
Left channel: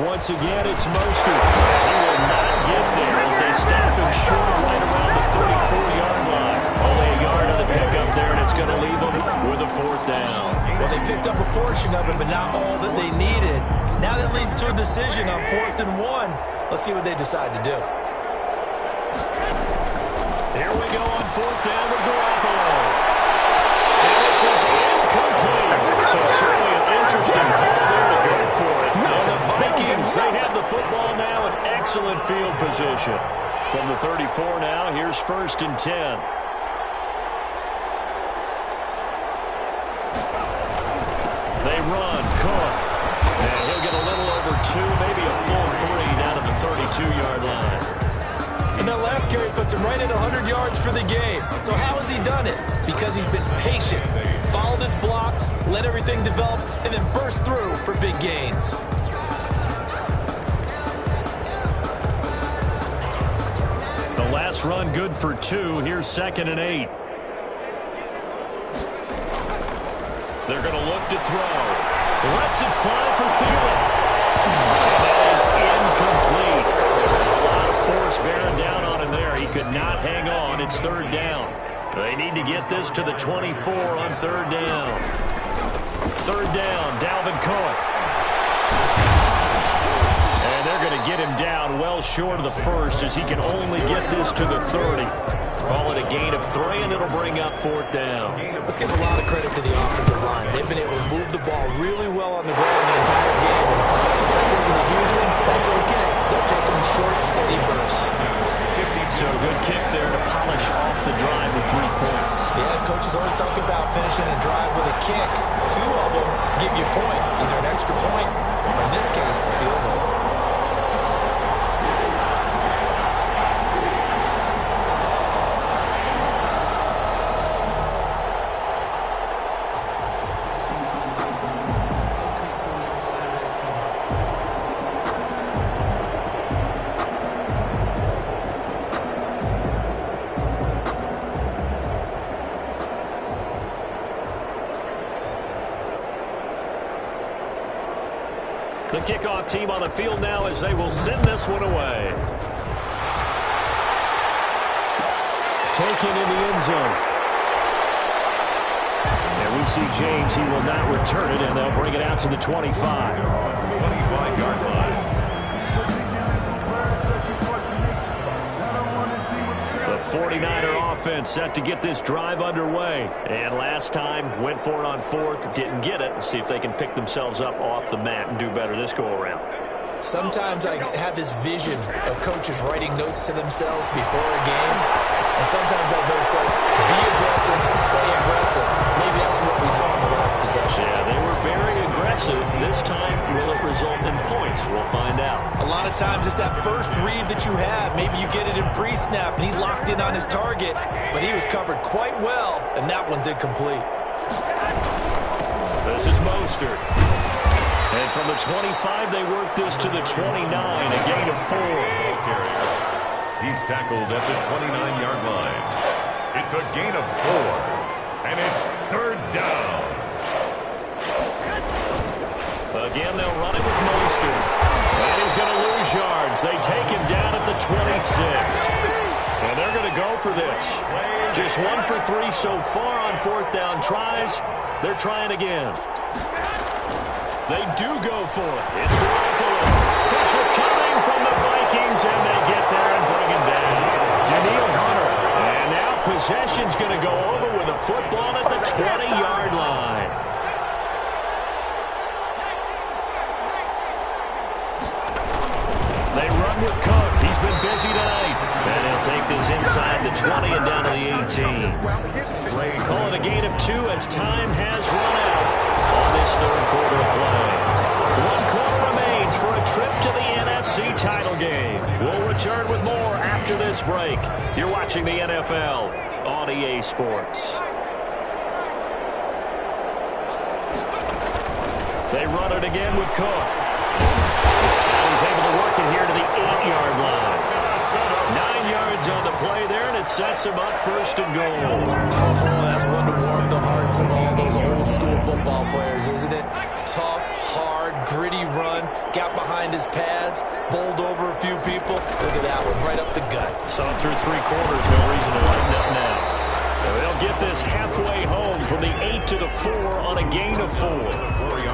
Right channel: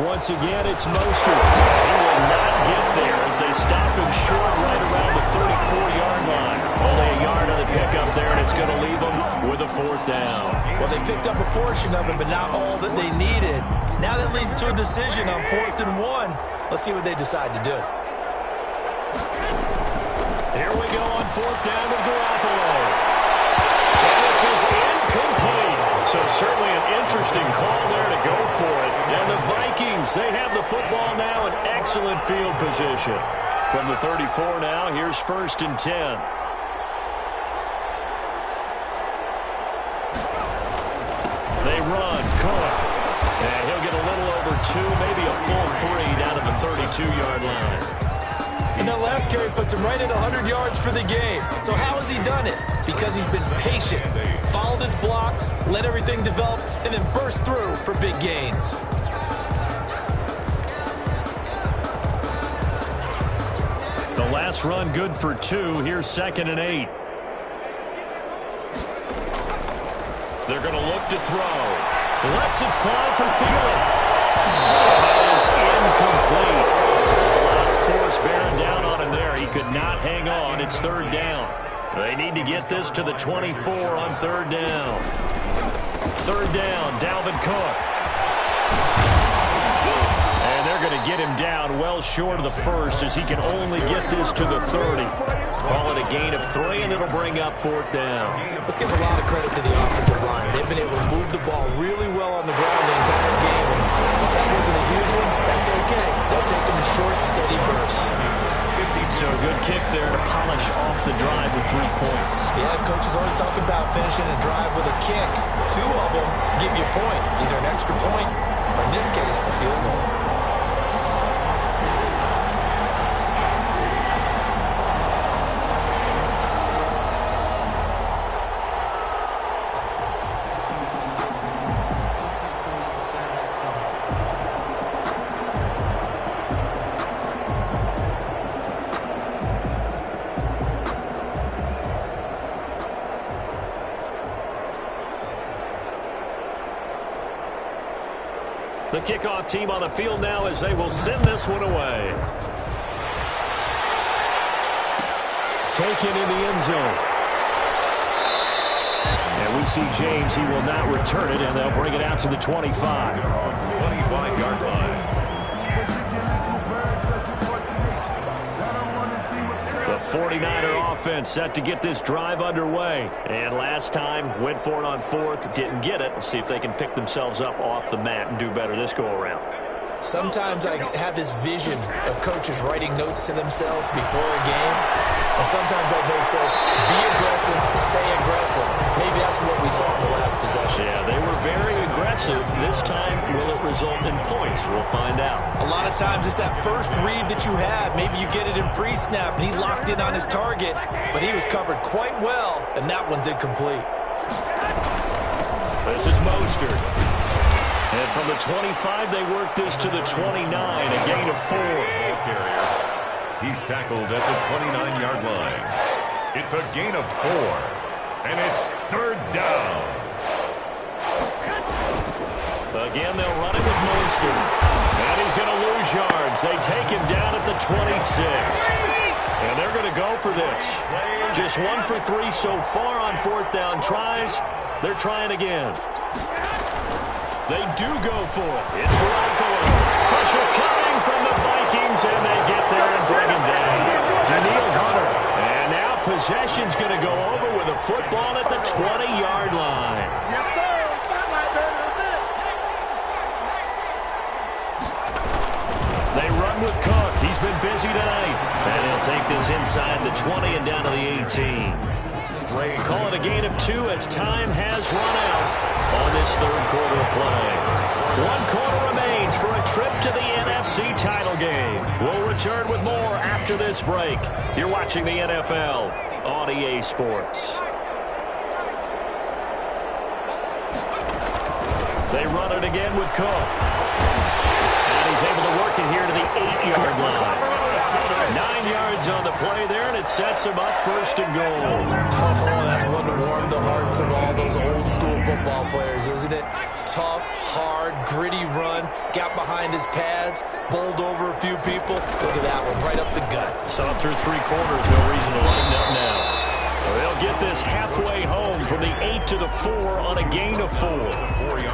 Once again, it's Mostert. He will not get there as they stop him short right around the 34-yard line. Only a yard on the pickup there, and it's going to leave them with a 4th down. Well, they picked up a portion of it, but not all that they needed. Now that leads to a decision on 4th and 1. Let's see what they decide to do. Here we go on 4th down with Garoppolo. And this is incomplete. So certainly an interesting call there to go for it. And the Vikings, they have the football now in excellent field position. From the 34 now, here's 1st and 10. They run, Cook. And he'll get a little over 2, maybe a full 3 down to the 32-yard line. And that last carry puts him right at 100 yards for the game. So how has he done it? Because he's been patient, followed his blocks, let everything develop, and then burst through for big gains. The last run good for 2. Here's 2nd and 8. They're going to look to throw. Lets it fly for Thielen. And that is incomplete. A lot of force bearing down on him there. He could not hang on. It's 3rd down. They need to get this to the 24 on 3rd down. 3rd down, Dalvin Cook. And they're going to get him down well short of the 1st as he can only get this to the 30. Call it a gain of 3, and it'll bring up 4th down. Let's give a lot of credit to the offensive line. They've been able to move the ball really well on the ground the entire game. And that wasn't a huge one. That's okay. They'll take them in short, steady bursts. So good kick there to polish off the drive with 3 points. Yeah, coaches always talk about finishing a drive with a kick. 2 of them give you points, either an extra point or, in this case, a field goal. kickoff team on the field now as they will send this one away. Taken in the end zone. And we see James. He will not return it, and they'll bring it out to the 25. 25-yard line. The 49er offense set to get this drive underway. And last time, went for it on fourth, didn't get it. We'll see if they can pick themselves up off the mat and do better this go-around. Sometimes I have this vision of coaches writing notes to themselves before a game, and sometimes that note says, be aggressive, stay aggressive. Maybe that's what we saw in the last possession. Yeah, they were very aggressive. This time, will it result in points? We'll find out. A lot of times it's that first read that you have. Maybe you get it in pre-snap, and he locked in on his target, but he was covered quite well, and that one's incomplete. This is Mostert. And from the 25, they work this to the 29, a gain of 4. Ball carrier. He's tackled at the 29-yard line. It's a gain of 4, and it's third down. Again, they'll run it with Mostert. And he's going to lose yards. They take him down at the 26. And they're going to go for this. Just 1 for 3 so far on fourth down tries. They're trying again. They do go for it. It's Garoppolo. Pressure coming from the Vikings, and they get there and bring him down. Daniil Hunter. And now possession's going to go over with a football at the 20-yard line. They run with Cook. He's been busy tonight. And he'll take this inside the 20 and down to the 18. Call it a gain of 2 as time has run out on this third quarter of play. 1 quarter remains for a trip to the NFC title game. We'll return with more after this break. You're watching the NFL on EA Sports. They run it again with Cook. And he's able to work it here to the 8-yard line. 9 yards on the play there, and it sets him up first and goal. Oh, that's one to warm the hearts of all those old-school football players, isn't it? Tough, hard, gritty run, got behind his pads, bowled over a few people. Look at that one, right up the gut. Saw it through 3 quarters, no reason to lighten up now. They'll get this halfway home from the 8 to the 4 on a gain of 4.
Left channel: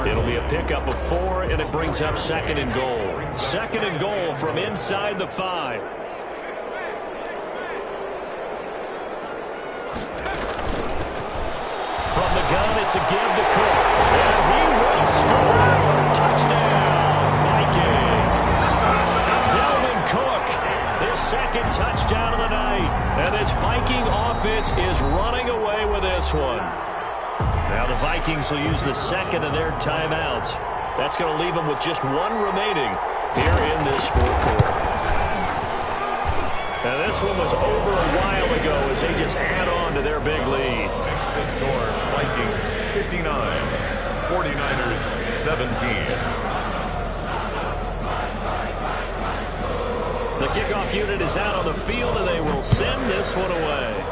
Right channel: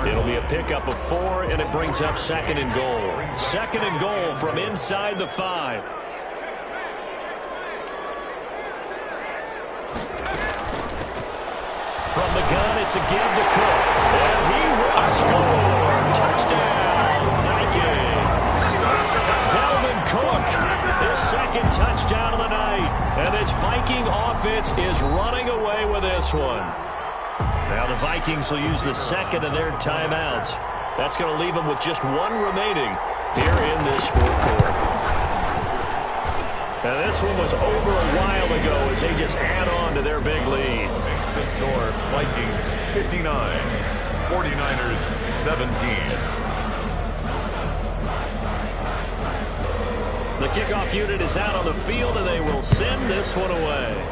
It'll be a pickup of 4, and it brings up second and goal. Second and goal from inside the 5. From the gun, it's a give to Cook. And he will score. Touchdown, Vikings. Dalvin Cook, his second touchdown of the night. And this Viking offense is running away with this one. Now the Vikings will use the second of their timeouts. That's going to leave them with just 1 remaining here in this fourth quarter. And this one was over a while ago as they just add on to their big lead. Makes the score Vikings 59, 49ers 17. The kickoff unit is out on the field, and they will send this one away.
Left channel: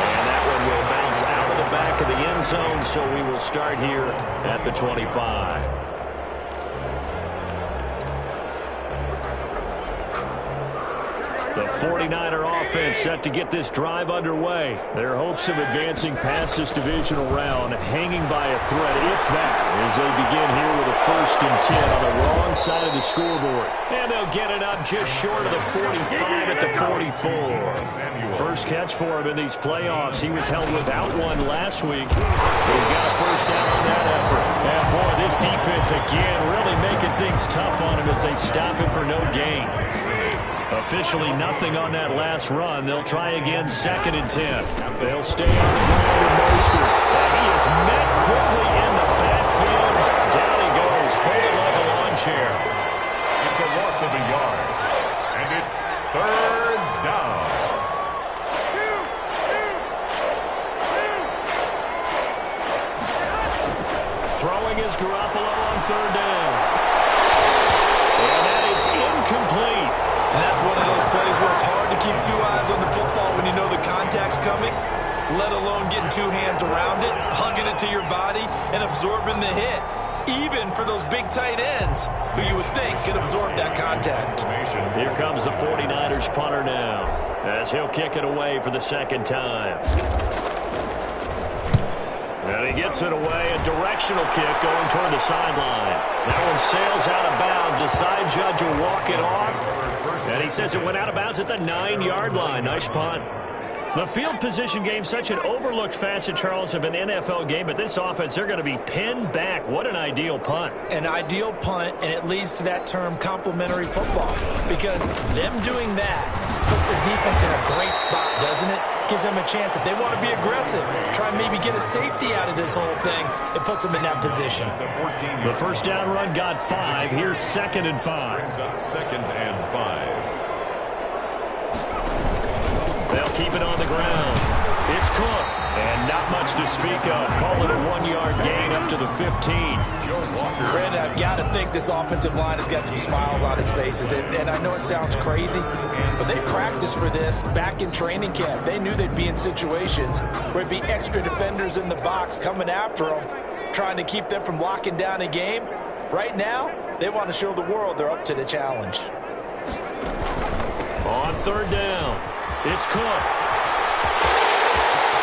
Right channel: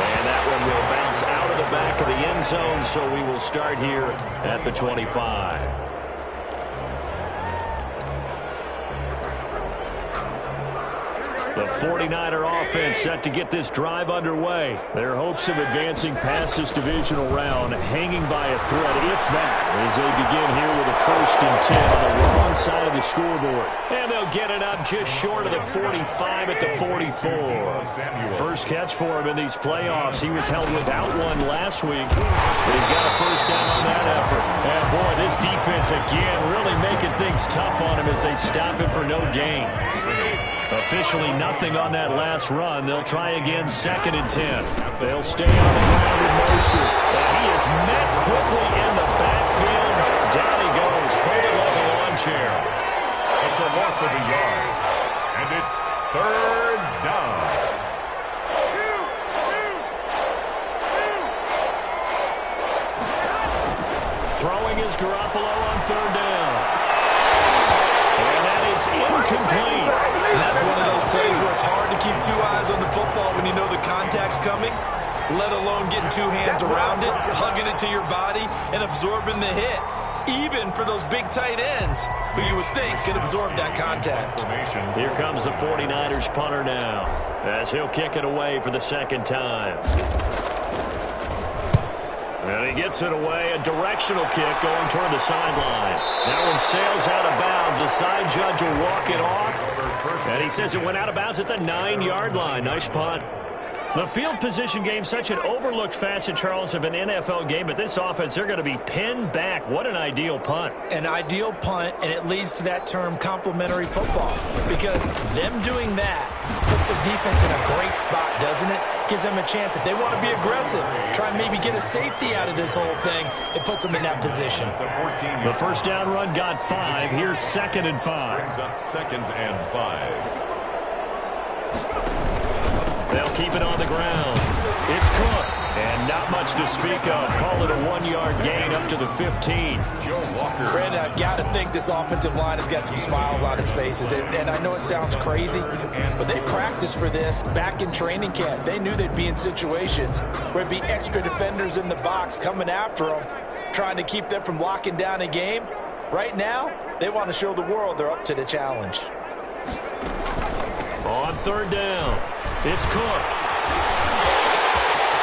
And that one will bounce out of the back of the end zone, so we will start here at the 25. The 49er offense set to get this drive underway. Their hopes of advancing past this divisional round hanging by a thread, if that, as they begin here with a 1st and 10 on the wrong side of the scoreboard. And they'll get it up just short of the 45 at the 44. First catch for him in these playoffs. He was held without one last week, but he's got a first down on that effort. And boy, this defense again really making things tough on him as they stop him for no gain. Officially nothing on that last run. They'll try again 2nd and 10. They'll stay on the ground with Mostert. And he is met quickly in the backfield. Down he goes, folded like a lawn chair. It's a loss of a yard. And it's third down. Throwing is Garoppolo on 3rd down. And that is incomplete. And that's one of those plays where it's hard to keep 2 eyes on the football when you know the contact's coming. let alone getting two hands around it, hugging it to your body, and absorbing the hit. Even for those big tight ends, who you would think could absorb that contact. Here comes the 49ers punter now, as he'll kick it away for the second time. And he gets it away, a directional kick going toward the sideline. That one sails out of bounds. The side judge will walk it off. And he says it went out of bounds at the 9-yard line. Nice punt. The field position game, such an overlooked facet, Charles, of an NFL game. But this offense, they're going to be pinned back. What an ideal punt. An ideal punt, and it leads to that term complementary football. Because them doing that puts their defense in a great spot, doesn't it? Gives them a chance. If they want to be aggressive, try and maybe get a safety out of this whole thing, it puts them in that position. The first down run got 5. Here's 2nd and 5. Brings up 2nd and 5. They'll keep it on the ground. It's Cook, and not much to speak of. Call it a 1-yard gain up to the 15. Joe Walker. Brandon, I've got to think this offensive line has got some smiles on its faces. And I know it sounds crazy, but they practiced for this back in training camp. They knew they'd be in situations where it'd be extra defenders in the box coming after them, trying to keep them from locking down a game. Right now, they want to show the world they're up to the challenge. On 3rd down, it's Cook.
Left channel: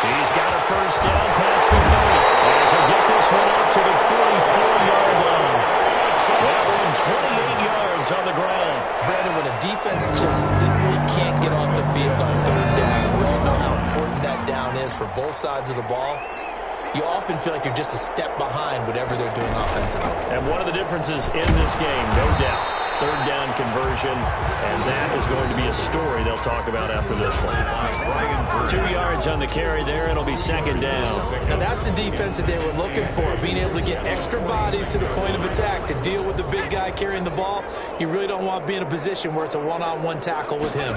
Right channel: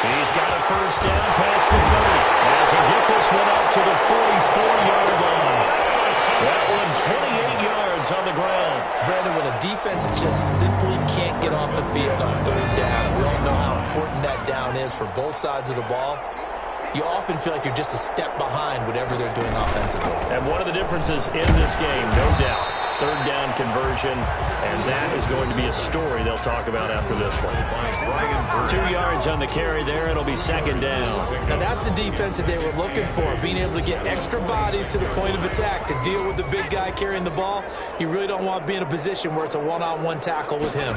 He's got a first down past the 30. As he'll get this one up to the 44-yard line. That one 28 yards on the ground. Brandon, when a defense just simply can't get off the field on 3rd down, we all know how important that down is for both sides of the ball. You often feel like you're just a step behind whatever they're doing offensively. And one of the differences in this game, no doubt, 3rd down conversion, and that is going to be a story they'll talk about after this one. 2 yards on the carry there. It'll be 2nd down. Now that's the defense that they were looking for, being able to get extra bodies to the point of attack to deal with the big guy carrying the ball. You really don't want to be in a position where it's a one-on-one tackle with him.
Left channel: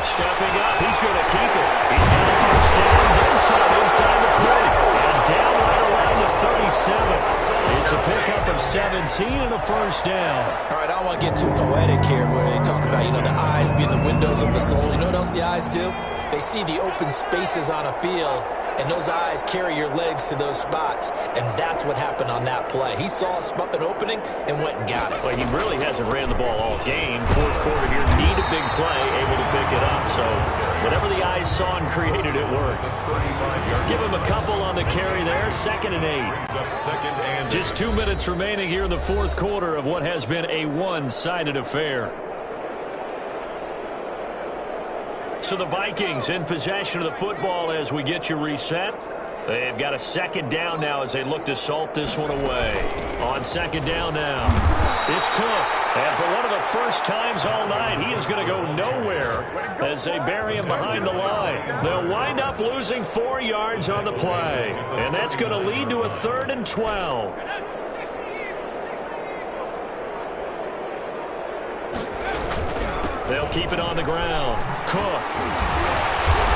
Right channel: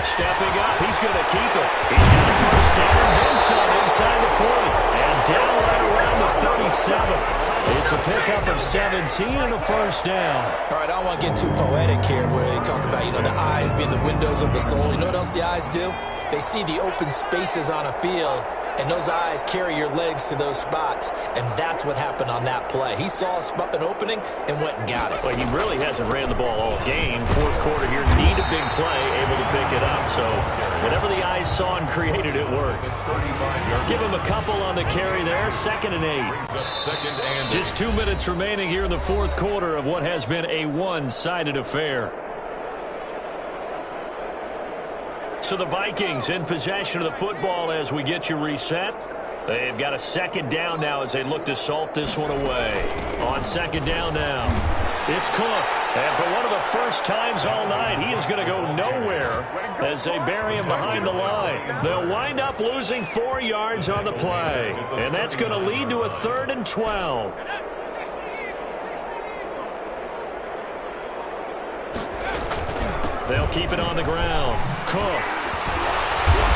Stepping up, he's going to keep it. He's got a first down, then some inside the 40, and down right around the 37. It's a pickup of 17 and a first down. All right, I don't want to get too poetic here where they talk about, the eyes being the windows of the soul. You know what else the eyes do? They see the open spaces on a field, and those eyes carry your legs to those spots, and that's what happened on that play. He saw an opening and went and got it. Well, he really hasn't ran the ball all game. 4th quarter here, need a big play, able to pick it up. So whatever the eyes saw and created, it worked. Give him a couple on the carry there. 2nd and 8. Just 2 minutes remaining here in the 4th quarter of what has been a one-sided affair. So the Vikings in possession of the football as we get you reset. They've got a 2nd down now as they look to salt this one away. On 2nd down now, it's Cook. And for one of the first times all night, he is going to go nowhere as they bury him behind the line. They'll wind up losing 4 yards on the play. And that's going to lead to a 3rd and 12. They'll keep it on the ground. Cook.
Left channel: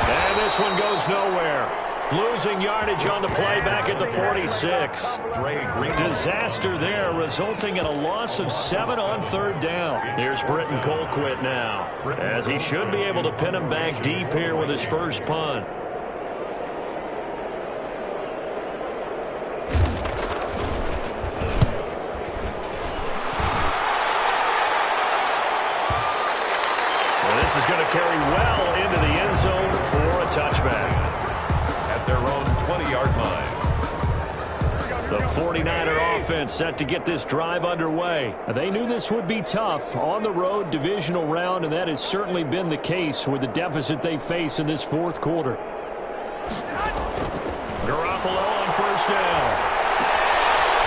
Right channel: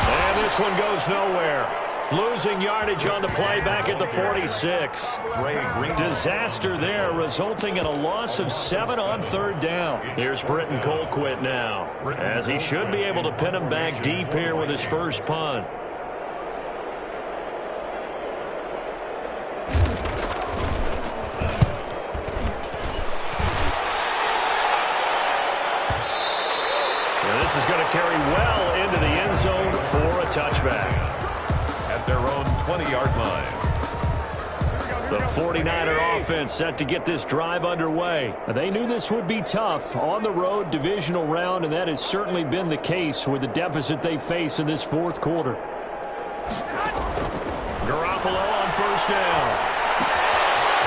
And this one goes nowhere. Losing yardage on the play back at the 46. Disaster there, resulting in a loss of 7 on 3rd down. Here's Britton Colquitt now, as he should be able to pin him back deep here with his first punt. This is going to carry well into the end zone for a touchback. At their own 20-yard line. The 49er offense set to get this drive underway. They knew this would be tough on the road, divisional round, and that has certainly been the case with the deficit they face in this 4th quarter. Garoppolo on 1st down.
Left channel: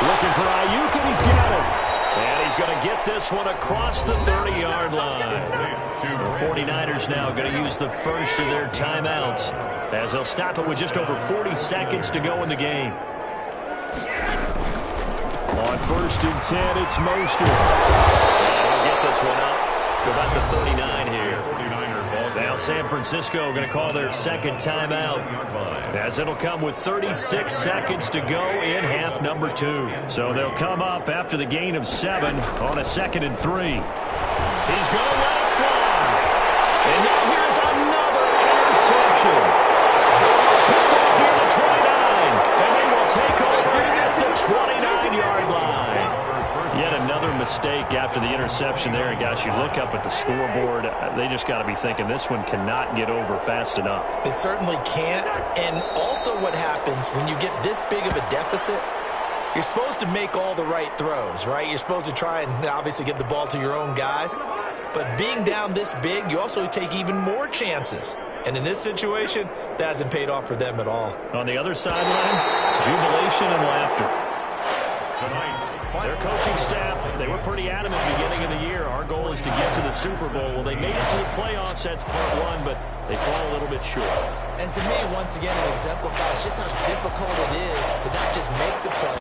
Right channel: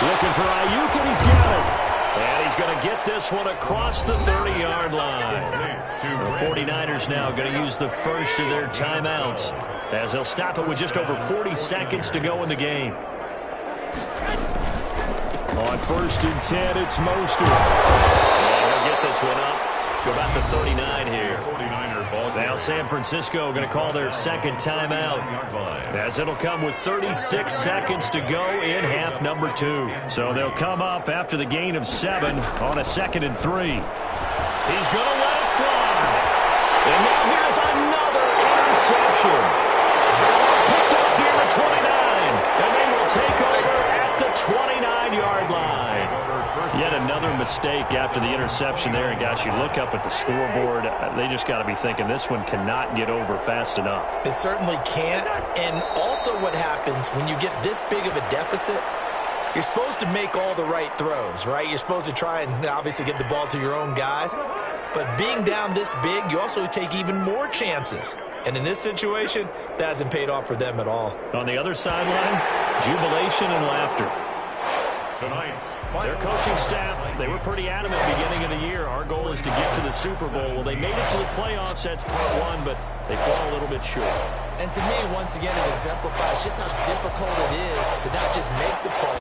Looking for Ayuk, and he's got it. And he's going to get this one across the 30-yard line. The 49ers now going to use the first of their timeouts as they'll stop it with just over 40 seconds to go in the game. On 1st and 10, it's Mostert. And he'll get this one up to about the 39 here. Now San Francisco going to call their 2nd timeout as it'll come with 36 seconds to go in half number 2. So they'll come up after the gain of 7 on a 2nd and 3. He's going to let it fly. And now here's another interception. Picked off near the 29. And they will take over at the 29-yard line. Yet another mistake after the interception there. And, gosh, you look up at the scoreboard, they just got to be thinking this one cannot get over fast enough. It certainly can't. And also what happens when you get this big of a deficit, you're supposed to make all the right throws, right? You're supposed to try and obviously get the ball to your own guys. But being down this big, you also take even more chances. And in this situation, that hasn't paid off for them at all. On the other sideline, jubilation and laughter. Their coaching staff, they were pretty adamant beginning of the year. Our goal is to get to the Super Bowl. Well, they made it to the playoffs. That's part one, but they fall a little bit short. And to me, once again, it exemplifies just how difficult it is to not just make the play.